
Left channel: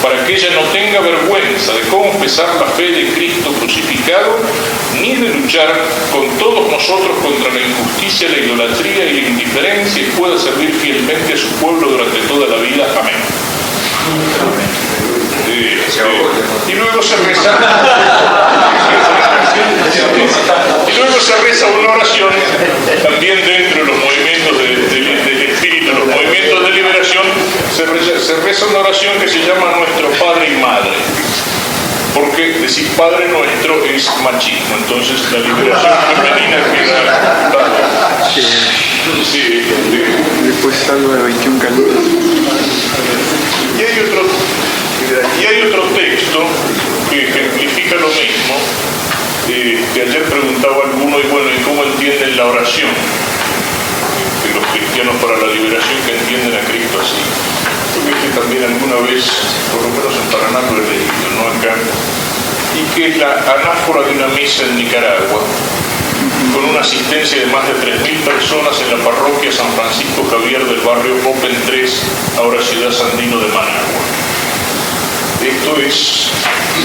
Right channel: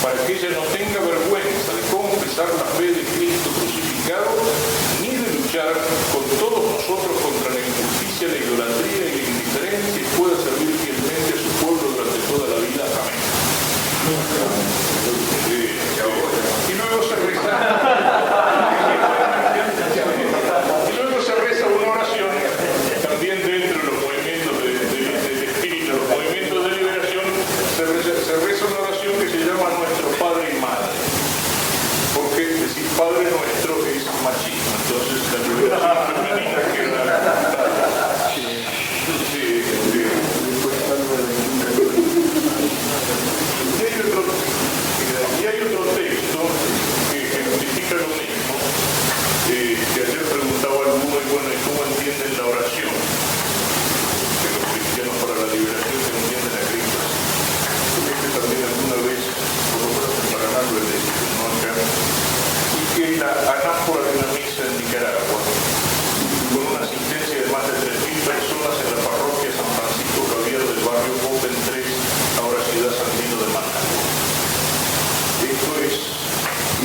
para que ella no tenga vergüenza de confesar la fe de Cristo crucificado, ni de luchar con todos nosotros contra la injusticia, la idolatría y la indiferencia y pueda servir fielmente a su pueblo durante toda la vida. Amén. Y luego se reza una oración también dentro de los movimientos del espíritu, los movimientos de liberación. Se reza una oración que se llama Nuestro Padre y Madre, porque decir Padre Nuestro es machismo, entonces la liberación femenina queda después salgo de 21 canutos. Y hay otro texto que ejemplifica lo mismo, que ayer preguntaba alguno, y bueno, ¿y cómo entienden la oración? Que los cristianos para la liberación que entienden a Cristo así. Porque este también alguna vez, por lo menos en Paraná lo he leído, no acá, y que es la anáfora de una misa en Nicaragua, con una asistencia de más de 3.000 personas en la parroquia San Francisco Javier del barrio Open 3, ahora ciudad Sandino de Managua. Esto es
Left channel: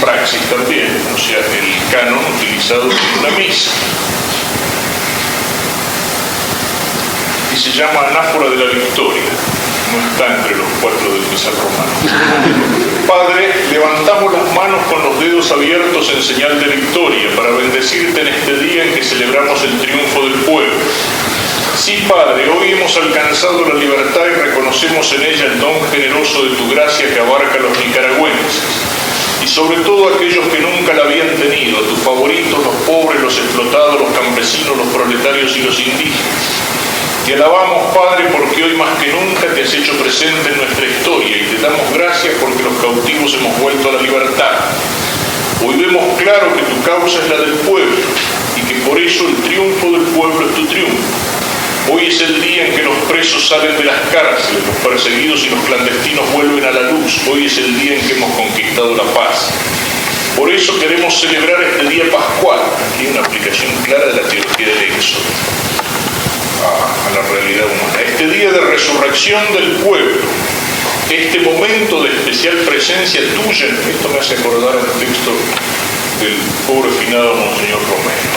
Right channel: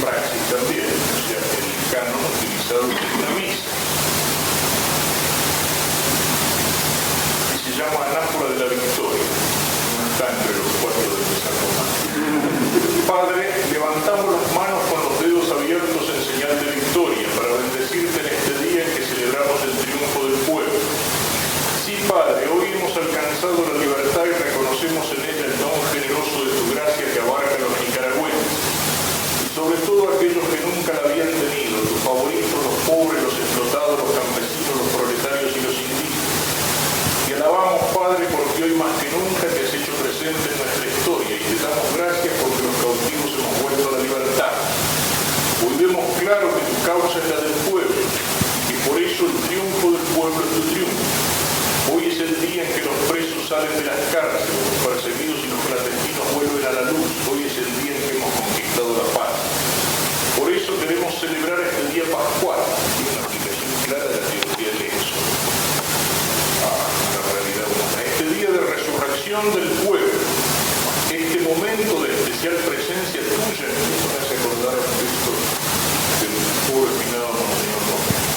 praxis también, o sea, el canon utilizado en una misa. Y se llama Anáfora de la Victoria. No está entre los 4 del Misal Romano. Padre, levantamos las manos con los dedos abiertos en señal de victoria para bendecirte en este día en que celebramos el triunfo del pueblo. Sí, Padre, hoy hemos alcanzado la libertad y reconocemos en ella el don generoso de tu gracia que abarca a los nicaragüenses y sobre todo aquellos que nunca la habían tenido, tus favoritos, los pobres, los explotados, los campesinos, los proletarios y los indígenas. Te alabamos, Padre, porque hoy más que nunca te has hecho presente en nuestra historia y te damos gracias porque los cautivos hemos vuelto a la libertad. Hoy vemos claro que tu causa es la del pueblo y que por eso el triunfo del pueblo es tu triunfo. Hoy es el día en que los presos salen de las cárceles, los perseguidos y los clandestinos vuelven a la luz. Hoy es el día en que hemos conquistado la paz. Por eso queremos celebrar este día pascual, aquí una aplicación clara de la teología del Éxodo a la realidad humana. Este día de resurrección del pueblo, este momento de especial presencia tuya, esto me hace acordar el texto del pobre finado Monseñor Romero,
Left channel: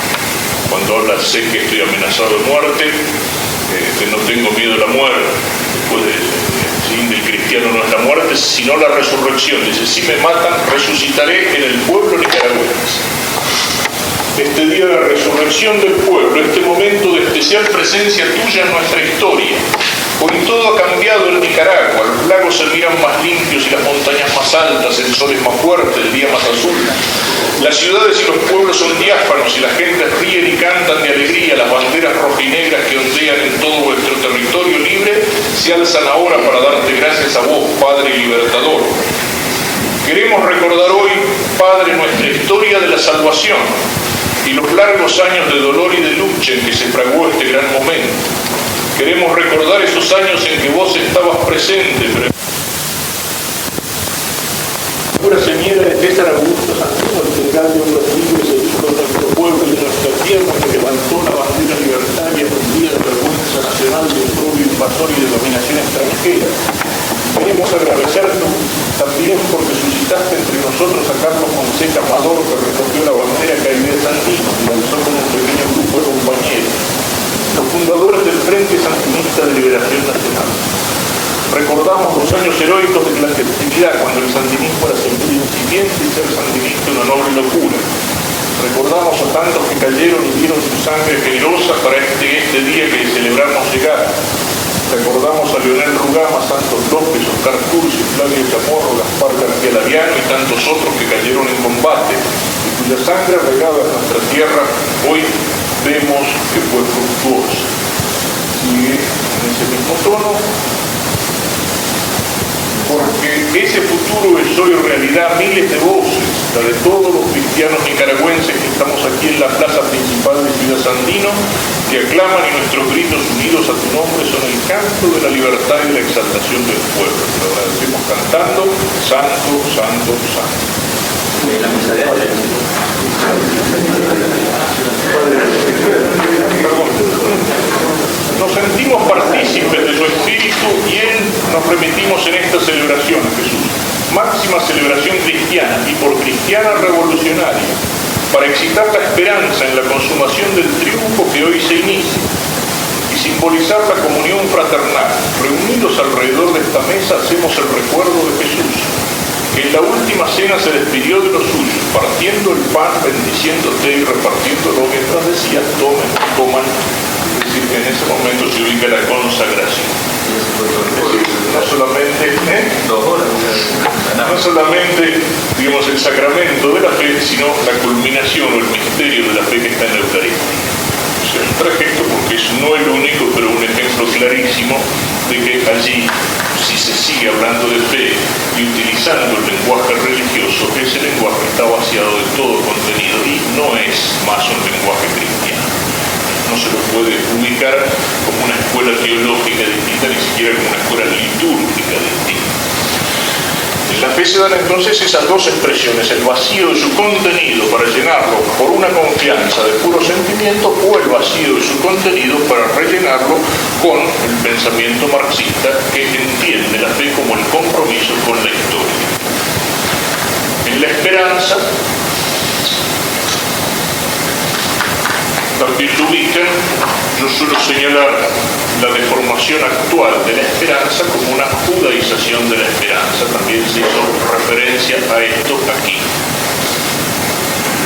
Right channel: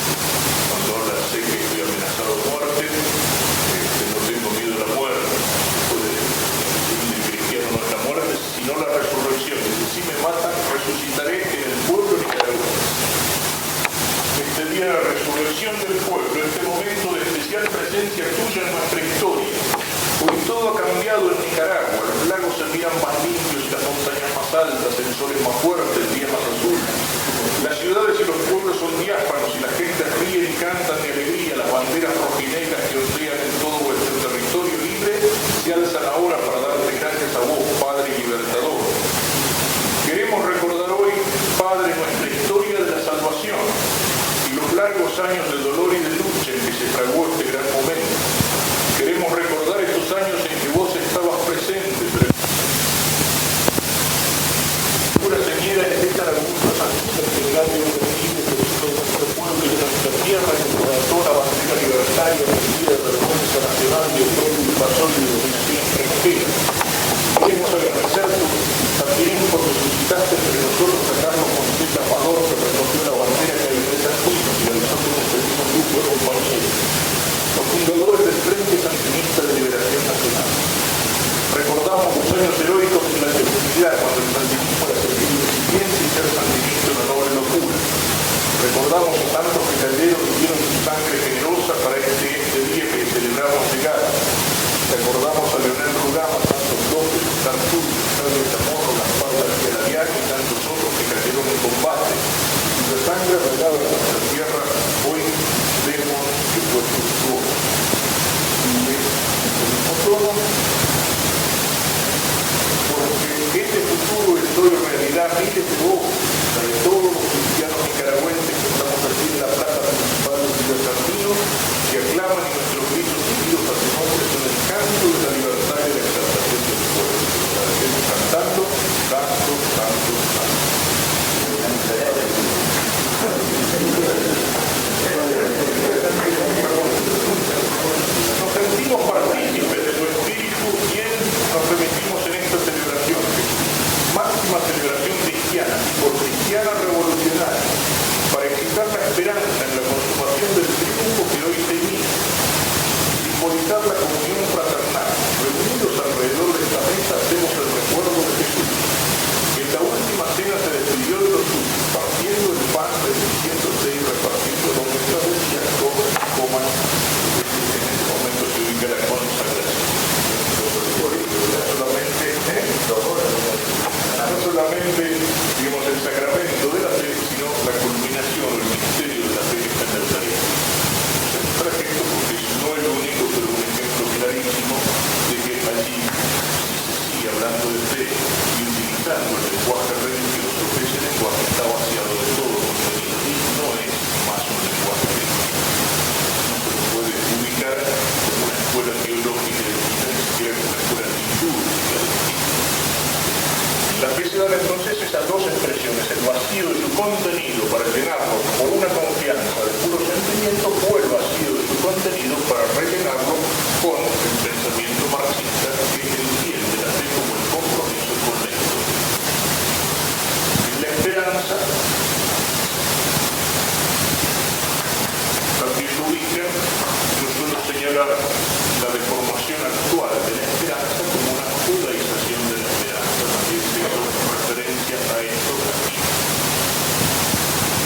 cuando habla, sé que estoy amenazado de muerte, no tengo miedo a la muerte. Después el fin del cristiano no es la muerte, sino la resurrección. Dice, si me matan, resucitaré en el pueblo nicaragüense. Este día de la resurrección del pueblo, este momento de especial presencia tuya en nuestra historia. Hoy todo ha cambiado en Nicaragua, los lagos se miran más limpios y las montañas más altas, el sol es más fuerte, el día más azul. Las ciudades y los pueblos son diáfanos y la gente ríen y cantan de alegría. Las banderas rojinegras que ondean en todo vuestro territorio libre se alzan ahora para darte gracias a vos, Padre y Libertador. Queremos recordar hoy, Padre, nuestra historia de la salvación y los largos años de dolor y de lucha en que se fraguó este gran momento. Queremos recordar esos años en que vos estabas presente, pero se nieve de César Augusto Santino, el general de hombres libres, el hijo de nuestro pueblo y de nuestra tierra, que levantó la bandera libertaria fundida de vergüenza nacional de odio, invasor y de dominación extranjera. Queremos agradecerte también porque suscitaste entre nosotros a Carlos Fonseca Amador, que recogió la bandera caída de Santino y lanzó con un pequeño grupo de compañeros, los fundadores del Frente Sandinista de Liberación Nacional. Recordamos los años heroicos de la clandestinidad, cuando el sandinismo era ser incipiente y ser sandinista una noble locura. Recordamos a tantos que cayeron y dieron su sangre generosa para este día que celebramos llegar. Recordamos a Leonel Rugama, Santos López, Oscar Curcio, Flavio Chamorro, Gaspar García Laviano y tantos otros que cayeron en combate, cuya sangre regada en nuestra tierra hoy vemos que fue fructuosa. Y en ese mismo tono, porque ese futuro es hoy realidad, miles de voces, la de todos los cristianos nicaragüenses que estamos aquí en la plaza principal de Ciudad Sandino, que aclaman y nuestros gritos unidos a tu nombre son el canto de la libertad y de la exaltación del pueblo. Lo agradecemos cantando, Santo, Santo, Santo. Nos sentimos partícipes de tu espíritu y nos remitimos en esta celebración, Jesús, máxima celebración cristiana y por cristiana revolucionaria, para excitar la esperanza en la consumación del triunfo que hoy se inicia y simbolizar la comunión fraternal. Reunidos alrededor de esta mesa hacemos el recuerdo de Jesús, que en la última cena se despidió de los suyos, partiendo el pan, bendiciéndote y repartiéndolo mientras decía, tomen, coman. Es decir, en ese momento se ubica la consagración. No solamente, digamos, el sacramento de la fe, sino la culminación o el misterio de la fe que está en la Eucaristía. O sea, un trayecto, porque es no el único, pero un ejemplo clarísimo de que allí, si se sigue hablando de fe y utilizando el lenguaje religioso, ese lenguaje está vaciado de todo contenido y no es más un lenguaje cristiano. No se lo puede ubicar como una escuela teológica distinta, ni siquiera como una escuela litúrgica distinta. En la fe se dan entonces esas dos expresiones, el vacío de su contenido para llenarlo por una confianza de puro sentimiento o el vacío de su contenido para rellenarlo con el pensamiento marxista que entiende la fe como el compromiso con la historia. En la esperanza también lo ubican. Yo suelo señalar la deformación actual de la esperanza como una judaización de la esperanza. También se hizo referencia a esto aquí.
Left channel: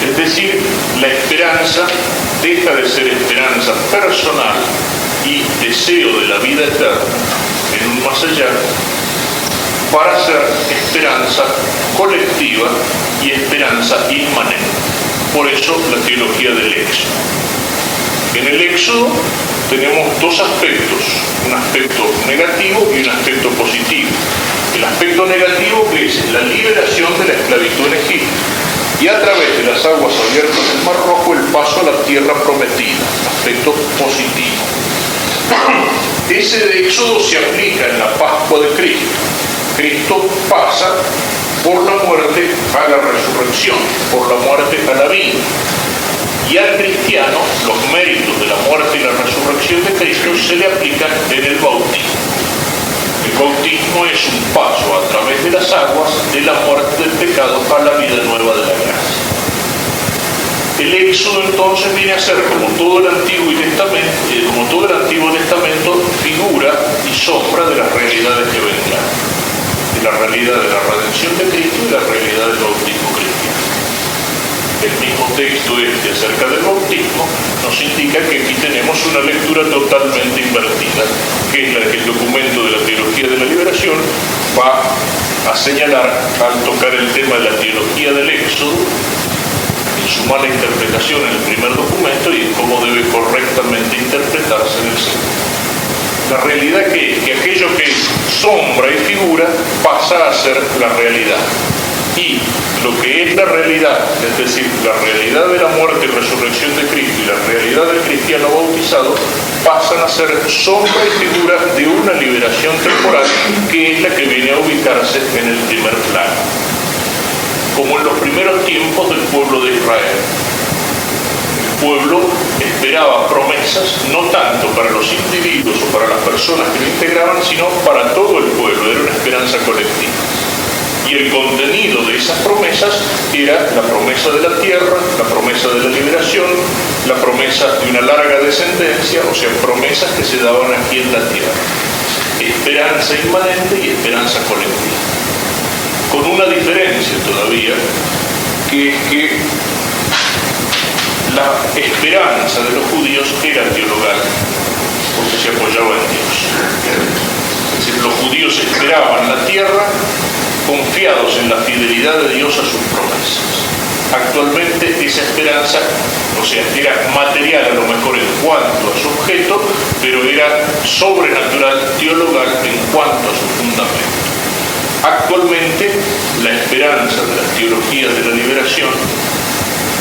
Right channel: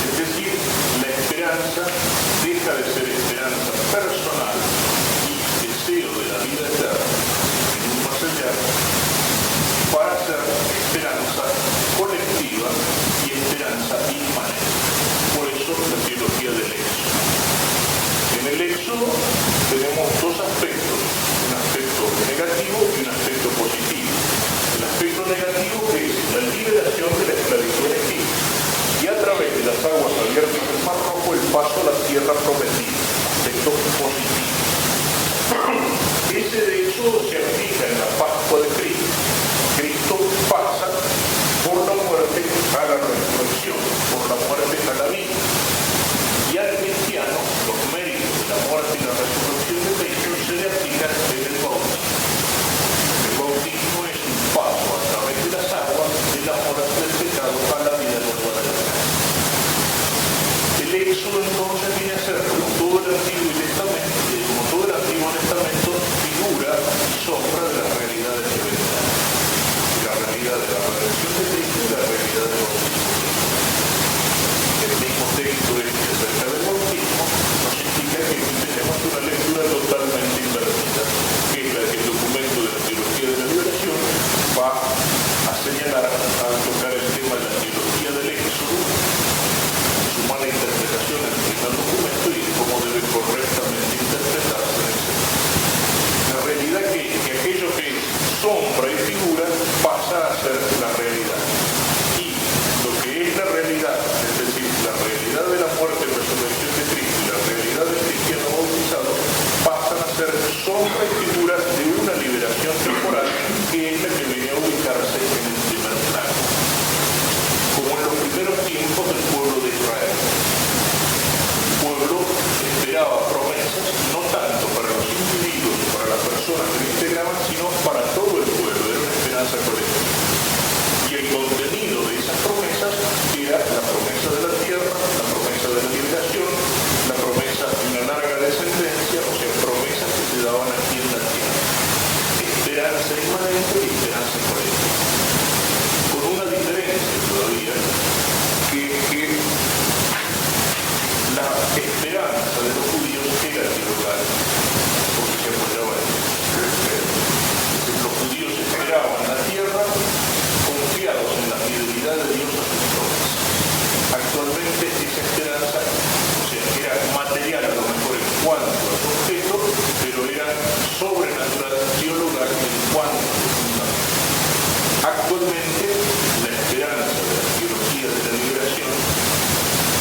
Es decir, la esperanza deja de ser esperanza personal y deseo de la vida eterna en un más allá para ser esperanza colectiva y esperanza inmanente. Por eso la teología del éxodo. En el éxodo tenemos dos aspectos, un aspecto negativo y un aspecto positivo. El aspecto negativo que es la liberación de la esclavitud en Egipto y a través de las aguas abiertas del Mar Rojo el paso a la tierra prometida, aspecto positivo. Ese de éxodo se aplica en la Pascua de Cristo. Cristo pasa por la muerte a la resurrección, por la muerte a la vida. Y al cristiano, los méritos de la muerte y la resurrección de Cristo se le aplican en el bautismo. El bautismo es un paso a través de las aguas de la muerte del pecado a la vida nueva de la gracia. El Éxodo entonces viene a ser, como todo el Antiguo Testamento, figura y sombra de las realidades que vendrán, de la realidad de la redención de Cristo y la realidad del bautismo cristiano. El mismo texto acerca del bautismo nos indica que aquí tenemos una lectura totalmente invertida, que es la que el documento de la teología de la liberación va a señalar al tocar el tema de la teología del Éxodo, en su mala interpretación en el primer documento y en cómo debe correctamente interpretarse en el segundo. La realidad que aquello que es sombra y figura pasa a ser la realidad. Y lo que es la realidad, es decir, la realidad de la muerte y resurrección de Cristo y la realidad del cristiano bautizado, pasan a ser sombra y figura de una liberación temporal que es la que viene a ubicarse en el primer plano. Como en los primeros tiempos del pueblo de Israel. El pueblo esperaba promesas no tanto para los individuos o para las personas que lo integraban, sino para todo el pueblo, era una esperanza colectiva. Y el contenido de esas promesas era la promesa de la tierra, la promesa de la liberación, la promesa de una larga descendencia, o sea, promesas que se daban aquí en la tierra. Esperanza inmanente y esperanza colectiva. Con una diferencia todavía, que es que la esperanza de los judíos era teologal, porque se apoyaba en Dios. Es decir, los judíos esperaban la tierra confiados en la fidelidad de Dios a sus promesas. Actualmente esa esperanza, o sea, era material a lo mejor en cuanto a su objeto, pero era sobrenatural, teologal en cuanto a su fundamento. Actualmente, la esperanza de las teologías de la liberación,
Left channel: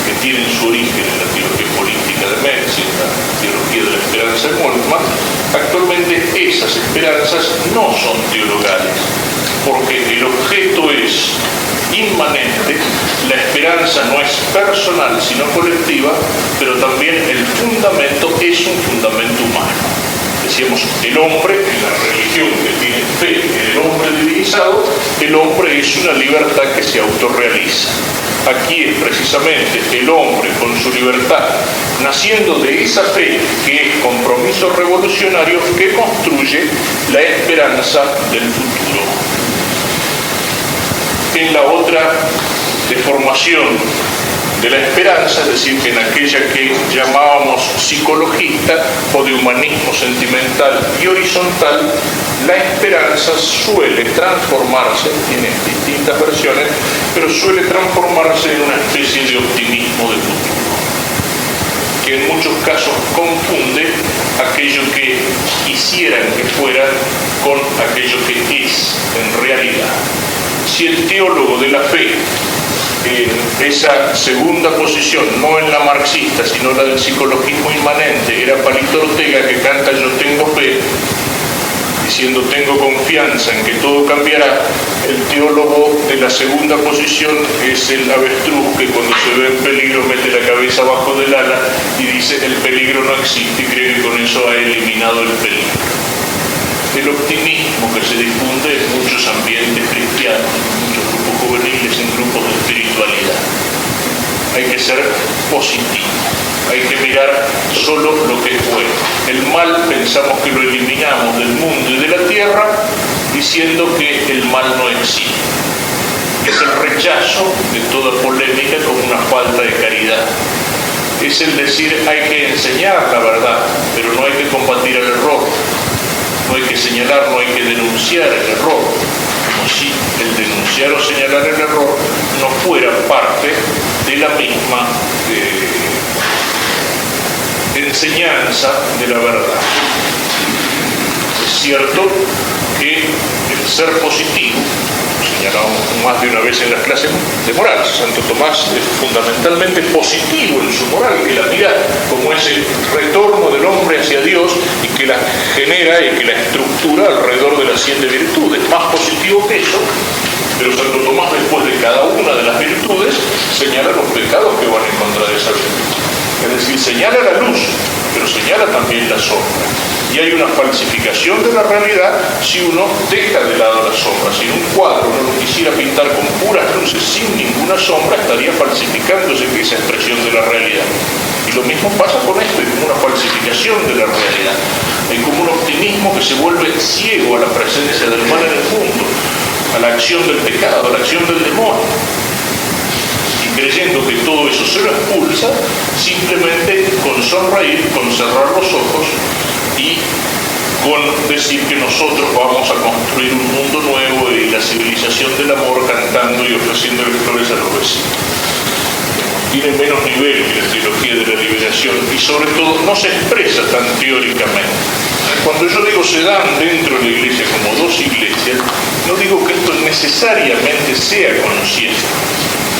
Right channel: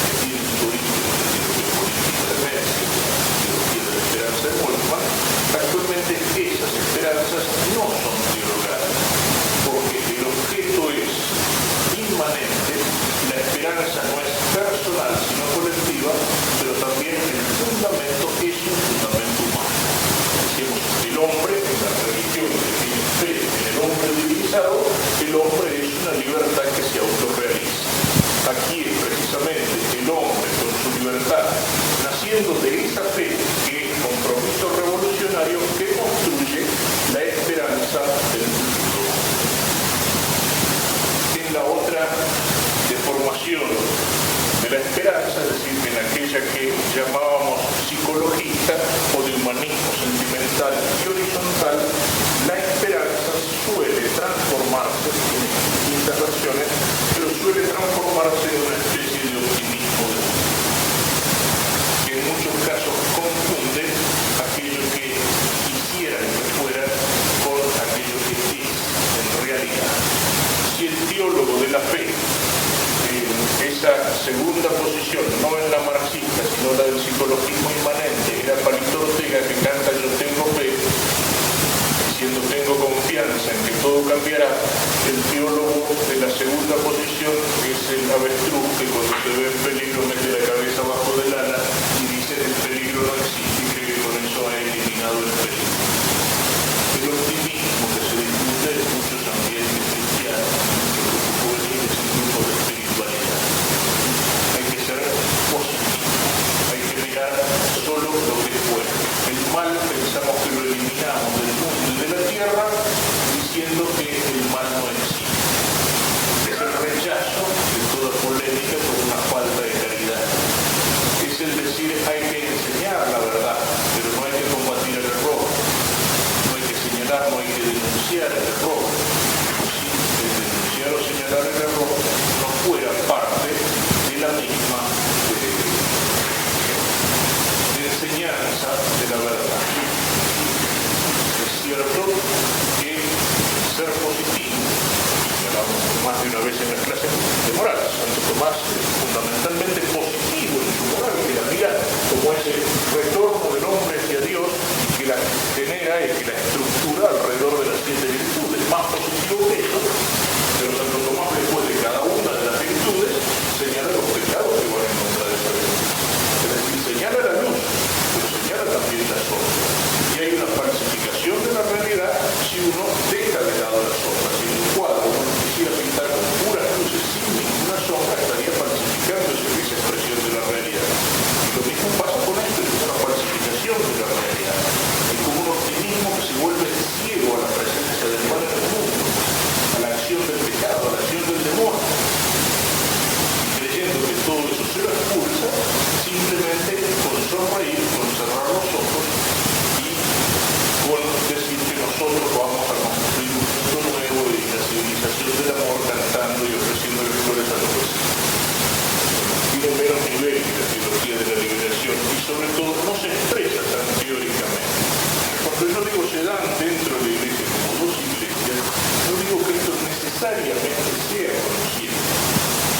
que tienen su origen en la teología política de Metz y en la teología de la esperanza de Moltmann, actualmente esas esperanzas no son teologales, porque el objeto es inmanente, la esperanza no es personal sino colectiva, pero también el fundamento es un fundamento humano. Decíamos, el hombre, en la religión que tiene fe en el hombre divinizado, el hombre es una libertad que se autorrealiza. Aquí es precisamente el hombre con su libertad, naciendo de esa fe que es compromiso revolucionario, que construye la esperanza del futuro. En la otra deformación de la esperanza, es decir, en aquella que llamábamos psicologista o de humanismo sentimental y horizontal, la esperanza suele transformarse, tiene distintas versiones, pero suele transformarse en una especie de optimismo de futuro, que en muchos casos confunde aquello que quisieran que fuera con aquello que es en realidad. Si el teólogo de la fe, en esa segunda posición, no en la marxista, sino la del psicologismo inmanente, era Palito Ortega, que canta Yo tengo fe, diciendo tengo confianza en que todo cambiará, el teólogo de la segunda posición es el avestruz que cuando se ve en peligro mete la cabeza abajo del ala y dice el peligro no existe y cree que con eso ha eliminado el peligro. El optimismo que se difunde en muchos ambientes cristianos, en muchos grupos juveniles, en grupos de espiritualidad. Hay que ser positivo, hay que mirar solo lo que es bueno. El mal pensamos que lo eliminamos del mundo y de la tierra diciendo que el mal no existe. Es el rechazo de toda polémica como una falta de caridad. Es el decir hay que enseñar la verdad, pero no hay que combatir el error. No hay que señalar, no hay que denunciar el error, como si el denunciar o señalar el error no fuera parte de la misma enseñanza de la verdad. Es cierto que el ser positivo, señalábamos más de una vez en las clases de moral, Santo Tomás es fundamentalmente positivo en su moral, que la mira como ese retorno del hombre hacia Dios y que la genera y que la estructura alrededor de las 7 virtudes. Más positivo que eso, pero Santo Tomás, después de cada una de las virtudes, señala los pecados que van en contra de esa virtud. Es decir, señala la luz, pero señala también la sombra. Y hay una falsificación de la realidad si uno deja de lado la sombra. Si en un cuadro uno lo quisiera pintar con puras luces sin ninguna sombra, estaría falsificándose esa expresión de la realidad. Y lo mismo pasa con esto, hay como una falsificación de la realidad. Hay como un optimismo que se vuelve ciego a la presencia del mal en el mundo, a la acción del pecado, a la acción del demonio. Y creyendo que todo eso se lo expulsa, simplemente con sonreír, con cerrar los ojos y con decir que nosotros vamos a construir un mundo nuevo y la civilización del amor, cantando y ofreciéndole flores a los vecinos. Tiene menos nivel que la teología de la liberación y sobre todo no se expresa tan teóricamente. Cuando yo digo se dan dentro de la iglesia como dos iglesias, no digo que esto necesariamente sea consciente.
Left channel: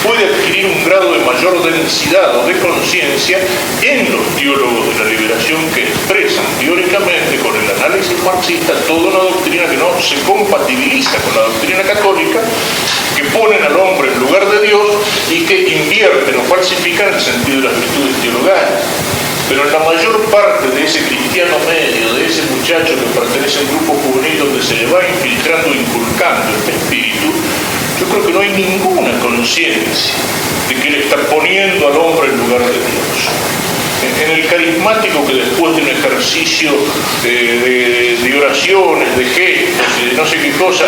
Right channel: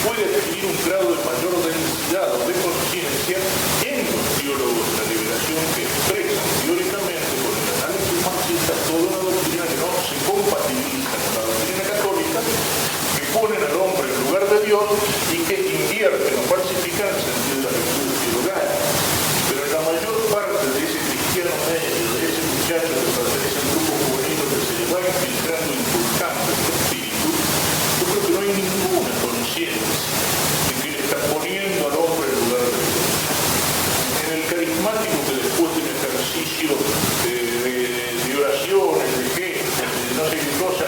Puede adquirir un grado de mayor densidad o de conciencia en los teólogos de la liberación que expresan teóricamente con el análisis marxista toda una doctrina que no se compatibiliza con la doctrina católica, que ponen al hombre en lugar de Dios y que invierten o falsifican el sentido de las virtudes teologales. Pero en la mayor parte de ese cristiano medio, de ese muchacho que pertenece a un grupo juvenil donde se le va infiltrando, inculcando este espíritu, yo creo que no hay ninguna conciencia de que le está poniendo al hombre en lugar de Dios. En el carismático que después de un ejercicio de oraciones, de gestos, de no sé qué cosa,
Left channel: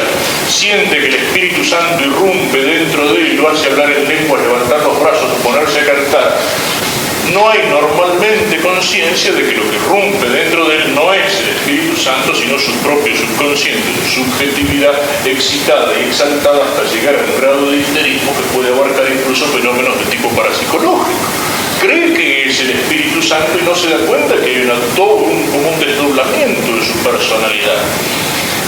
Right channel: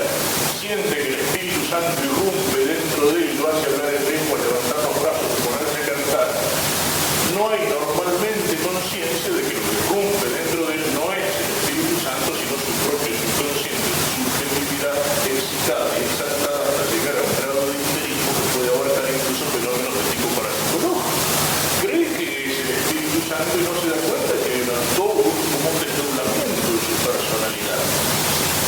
siente que el Espíritu Santo irrumpe dentro de él y lo hace hablar en lengua, levantar los brazos, ponerse a cantar, no hay normalmente conciencia de que lo que irrumpe dentro de él no es el Espíritu Santo, sino su propio subconsciente, su subjetividad excitada y exaltada hasta llegar a un grado de histerismo que puede abarcar incluso fenómenos de tipo parapsicológico. Cree que es el Espíritu Santo y no se da cuenta que hay como un desdoblamiento de su personalidad.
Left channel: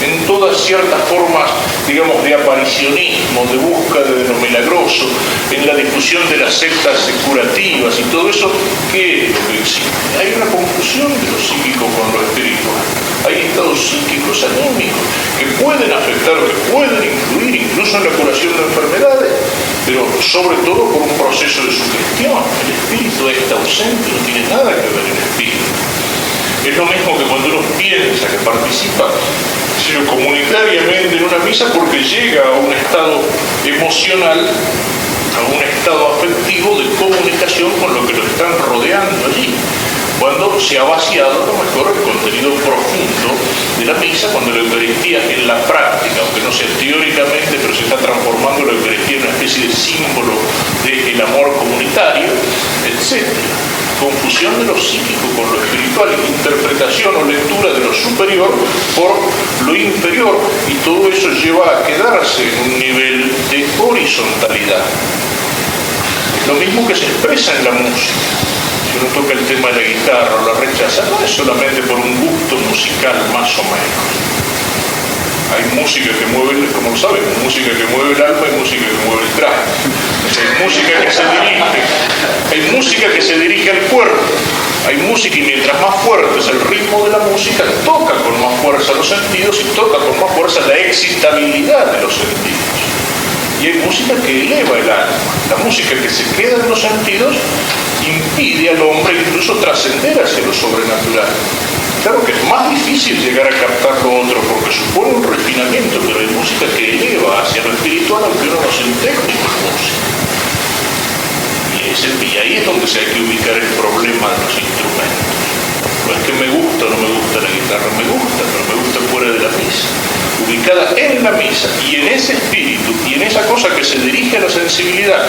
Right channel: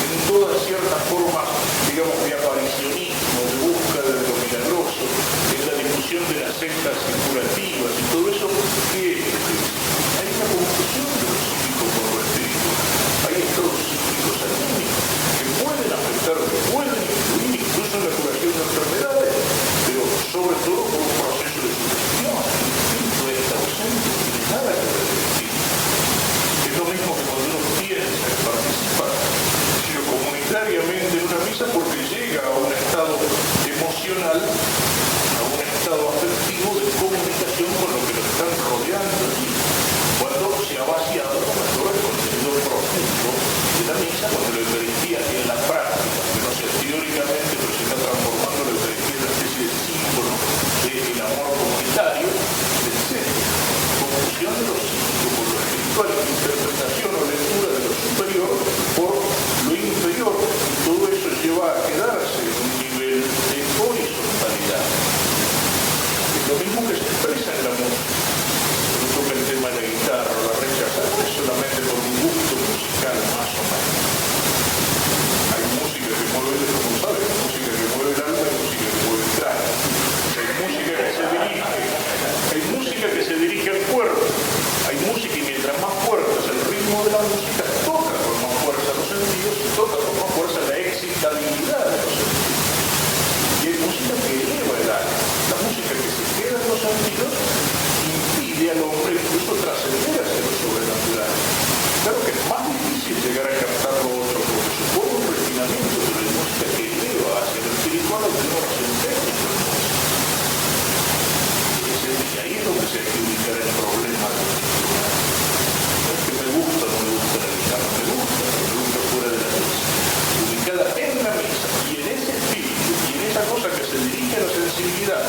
En todas ciertas formas, digamos, de aparicionismo, de búsqueda de lo milagroso, en la difusión de las sectas curativas y todo eso, ¿qué es lo que existe? Hay una confusión de lo psíquico con lo espiritual. Hay estados psíquicos anímicos que pueden afectar o que pueden influir incluso en la curación de enfermedades, pero sobre todo por un proceso de sugestión. El espíritu está ausente, no tiene nada que ver el espíritu. Es lo mismo que cuando uno piensa que participa comunitariamente en una misa porque llega a un estado emocional, a un estado afectivo de comunicación con lo que lo están rodeando allí. Cuando se ha vaciado a lo mejor el contenido profundo de la misa, cuando la Eucaristía en la práctica, aunque no sea teóricamente, pero se está transformando la Eucaristía en una especie de símbolo del amor comunitario, etc. Confusión de lo psíquico con lo espiritual, interpretación o lectura de lo superior por lo inferior, y todo eso lleva a quedarse en un nivel de horizontalidad. Lo mismo que se expresa en la música. Si uno toca el tema de la guitarra o la rechaza, no es solamente por un gusto musical más o menos. Hay música que mueve, como saben, música que mueve el alma y música que mueve el traje. Hay música que se dirige, hay música que se dirige al cuerpo. Hay música y mientras más fuerte es el ritmo de la música, toca con más fuerza los sentidos y toca con más fuerza la excitabilidad de los sentidos. Y hay música que eleva el alma. La música que se queda en los sentidos impide al hombre incluso trascender hacia lo sobrenatural. Claro que es más difícil llegar a captar lo otro porque supone un refinamiento, pero hay música que eleva hacia lo espiritual aunque uno no sea un técnico en música. Y ahí es donde se hay que ubicar el problema de los instrumentos. No es que me gusta o no me gusta la guitarra, me gusta, pero me gusta fuera de la misa. Ubicada en la misa y en ese espíritu y en esa cosa que se dirige a la sensibilidad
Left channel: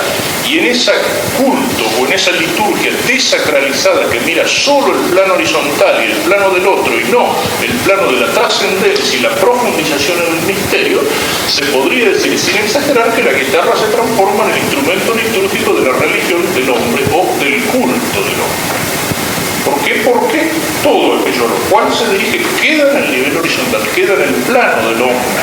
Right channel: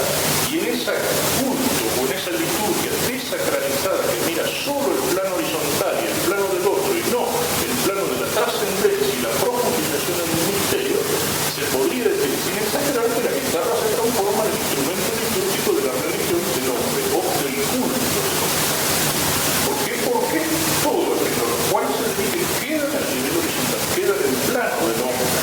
y en ese culto o en esa liturgia desacralizada que mira solo el plano horizontal y el plano del otro y no el plano de la trascendencia y la profundización en el misterio, se podría decir sin exagerar que la guitarra se transforma en el instrumento litúrgico de la religión del hombre o del culto del hombre. ¿Por qué? Porque todo aquello a lo cual se dirige queda en el nivel horizontal, queda en el plano del hombre.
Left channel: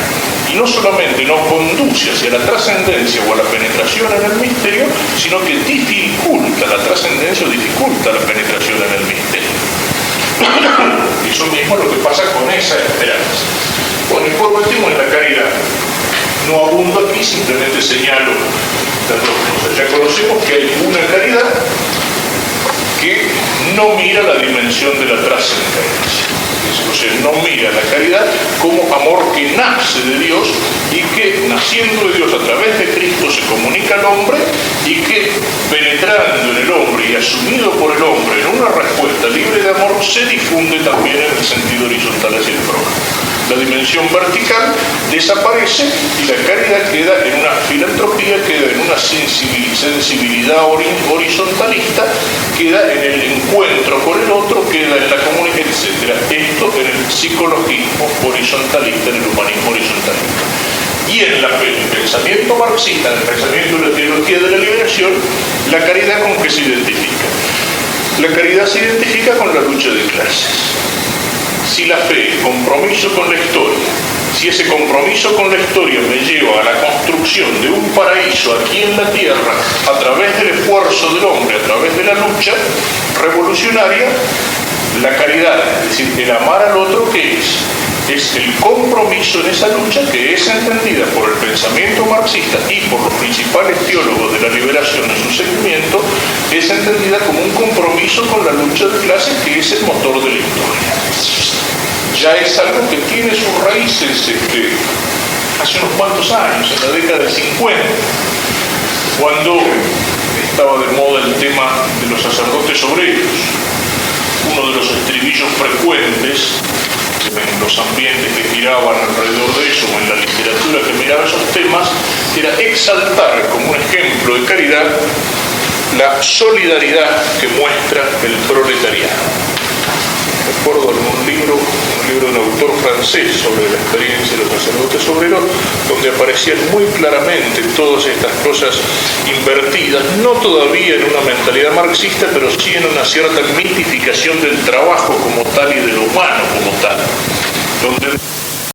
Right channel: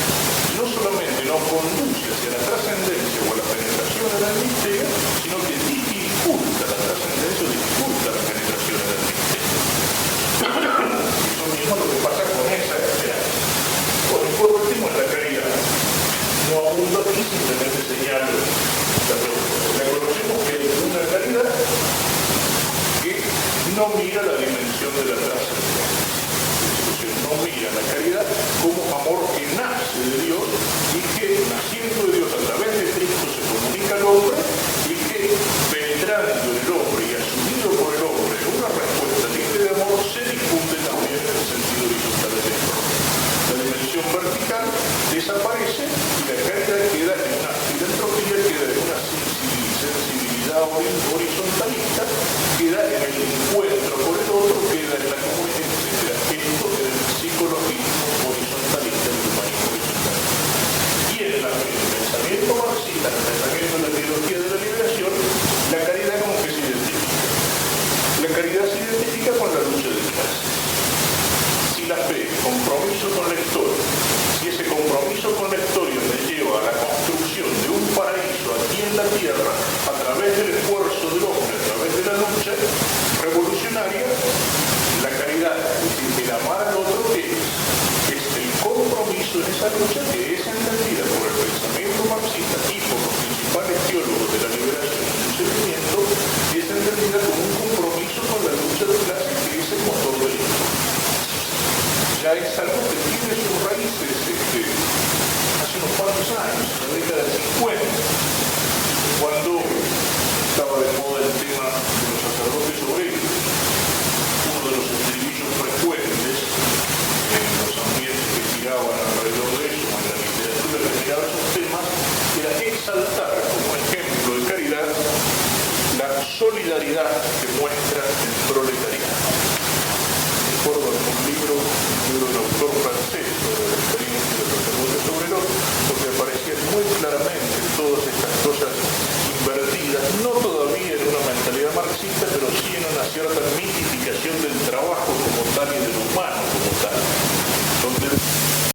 Y no solamente no conduce hacia la trascendencia o a la penetración en el misterio, sino que dificulta la trascendencia o dificulta la penetración en el misterio. Eso mismo es lo que pasa con esa esperanza. Bueno, y por último, en la caridad. No abundo aquí, simplemente señalo las dos cosas. Ya conocemos que hay una caridad que no mira la dimensión dimensión de la trascendencia. O sea, no mira la caridad como amor que nace de Dios y que, naciendo de Dios a través de Cristo, se comunica al hombre y que, penetrando en el hombre y asumido por el hombre en una respuesta libre de amor, se difunde también en el sentido horizontal hacia el prójimo. La dimensión vertical desaparece y la caridad queda en una filantropía, queda en una sensibilidad horizontalista, queda en el encuentro con el otro, queda en la comunicación, etc. Esto en el psicologismo horizontalista, en el humanismo horizontalista. Y en el pensamiento marxista, en el pensamiento de la teología de la liberación, la caridad ¿con qué se identifica? La caridad se identifica con la lucha de clases. Si la fe, compromiso con la historia, si ese compromiso con la historia me lleva a la construcción de un paraíso aquí en la tierra a través del esfuerzo del hombre, a través de la lucha revolucionaria, la caridad, es decir, el amar al otro, ¿qué es? Es el compromiso en esa lucha que es entendida por el pensamiento marxista y por los principales teólogos de la liberación en su seguimiento, es entendida como un compromiso con la lucha de clases que es el motor de la historia. Ya es algo que tiene sus raíces hace unos cuantos años, en la década del 50, cuando estaba de moda el tema de los sacerdotes obreros. Uno de los estribillos frecuentes en los ambientes que giraban alrededor de eso, o en la literatura que miraba esos temas, era exaltar como un ejemplo de caridad la solidaridad que muestra el proletariado. Recuerdo un libro de un autor francés sobre la experiencia de los sacerdotes obreros, donde aparecían muy claramente todas estas cosas invertidas, no todavía en una mentalidad marxista, pero sí en una cierta mitificación del trabajo como tal y de lo humano como tal, donde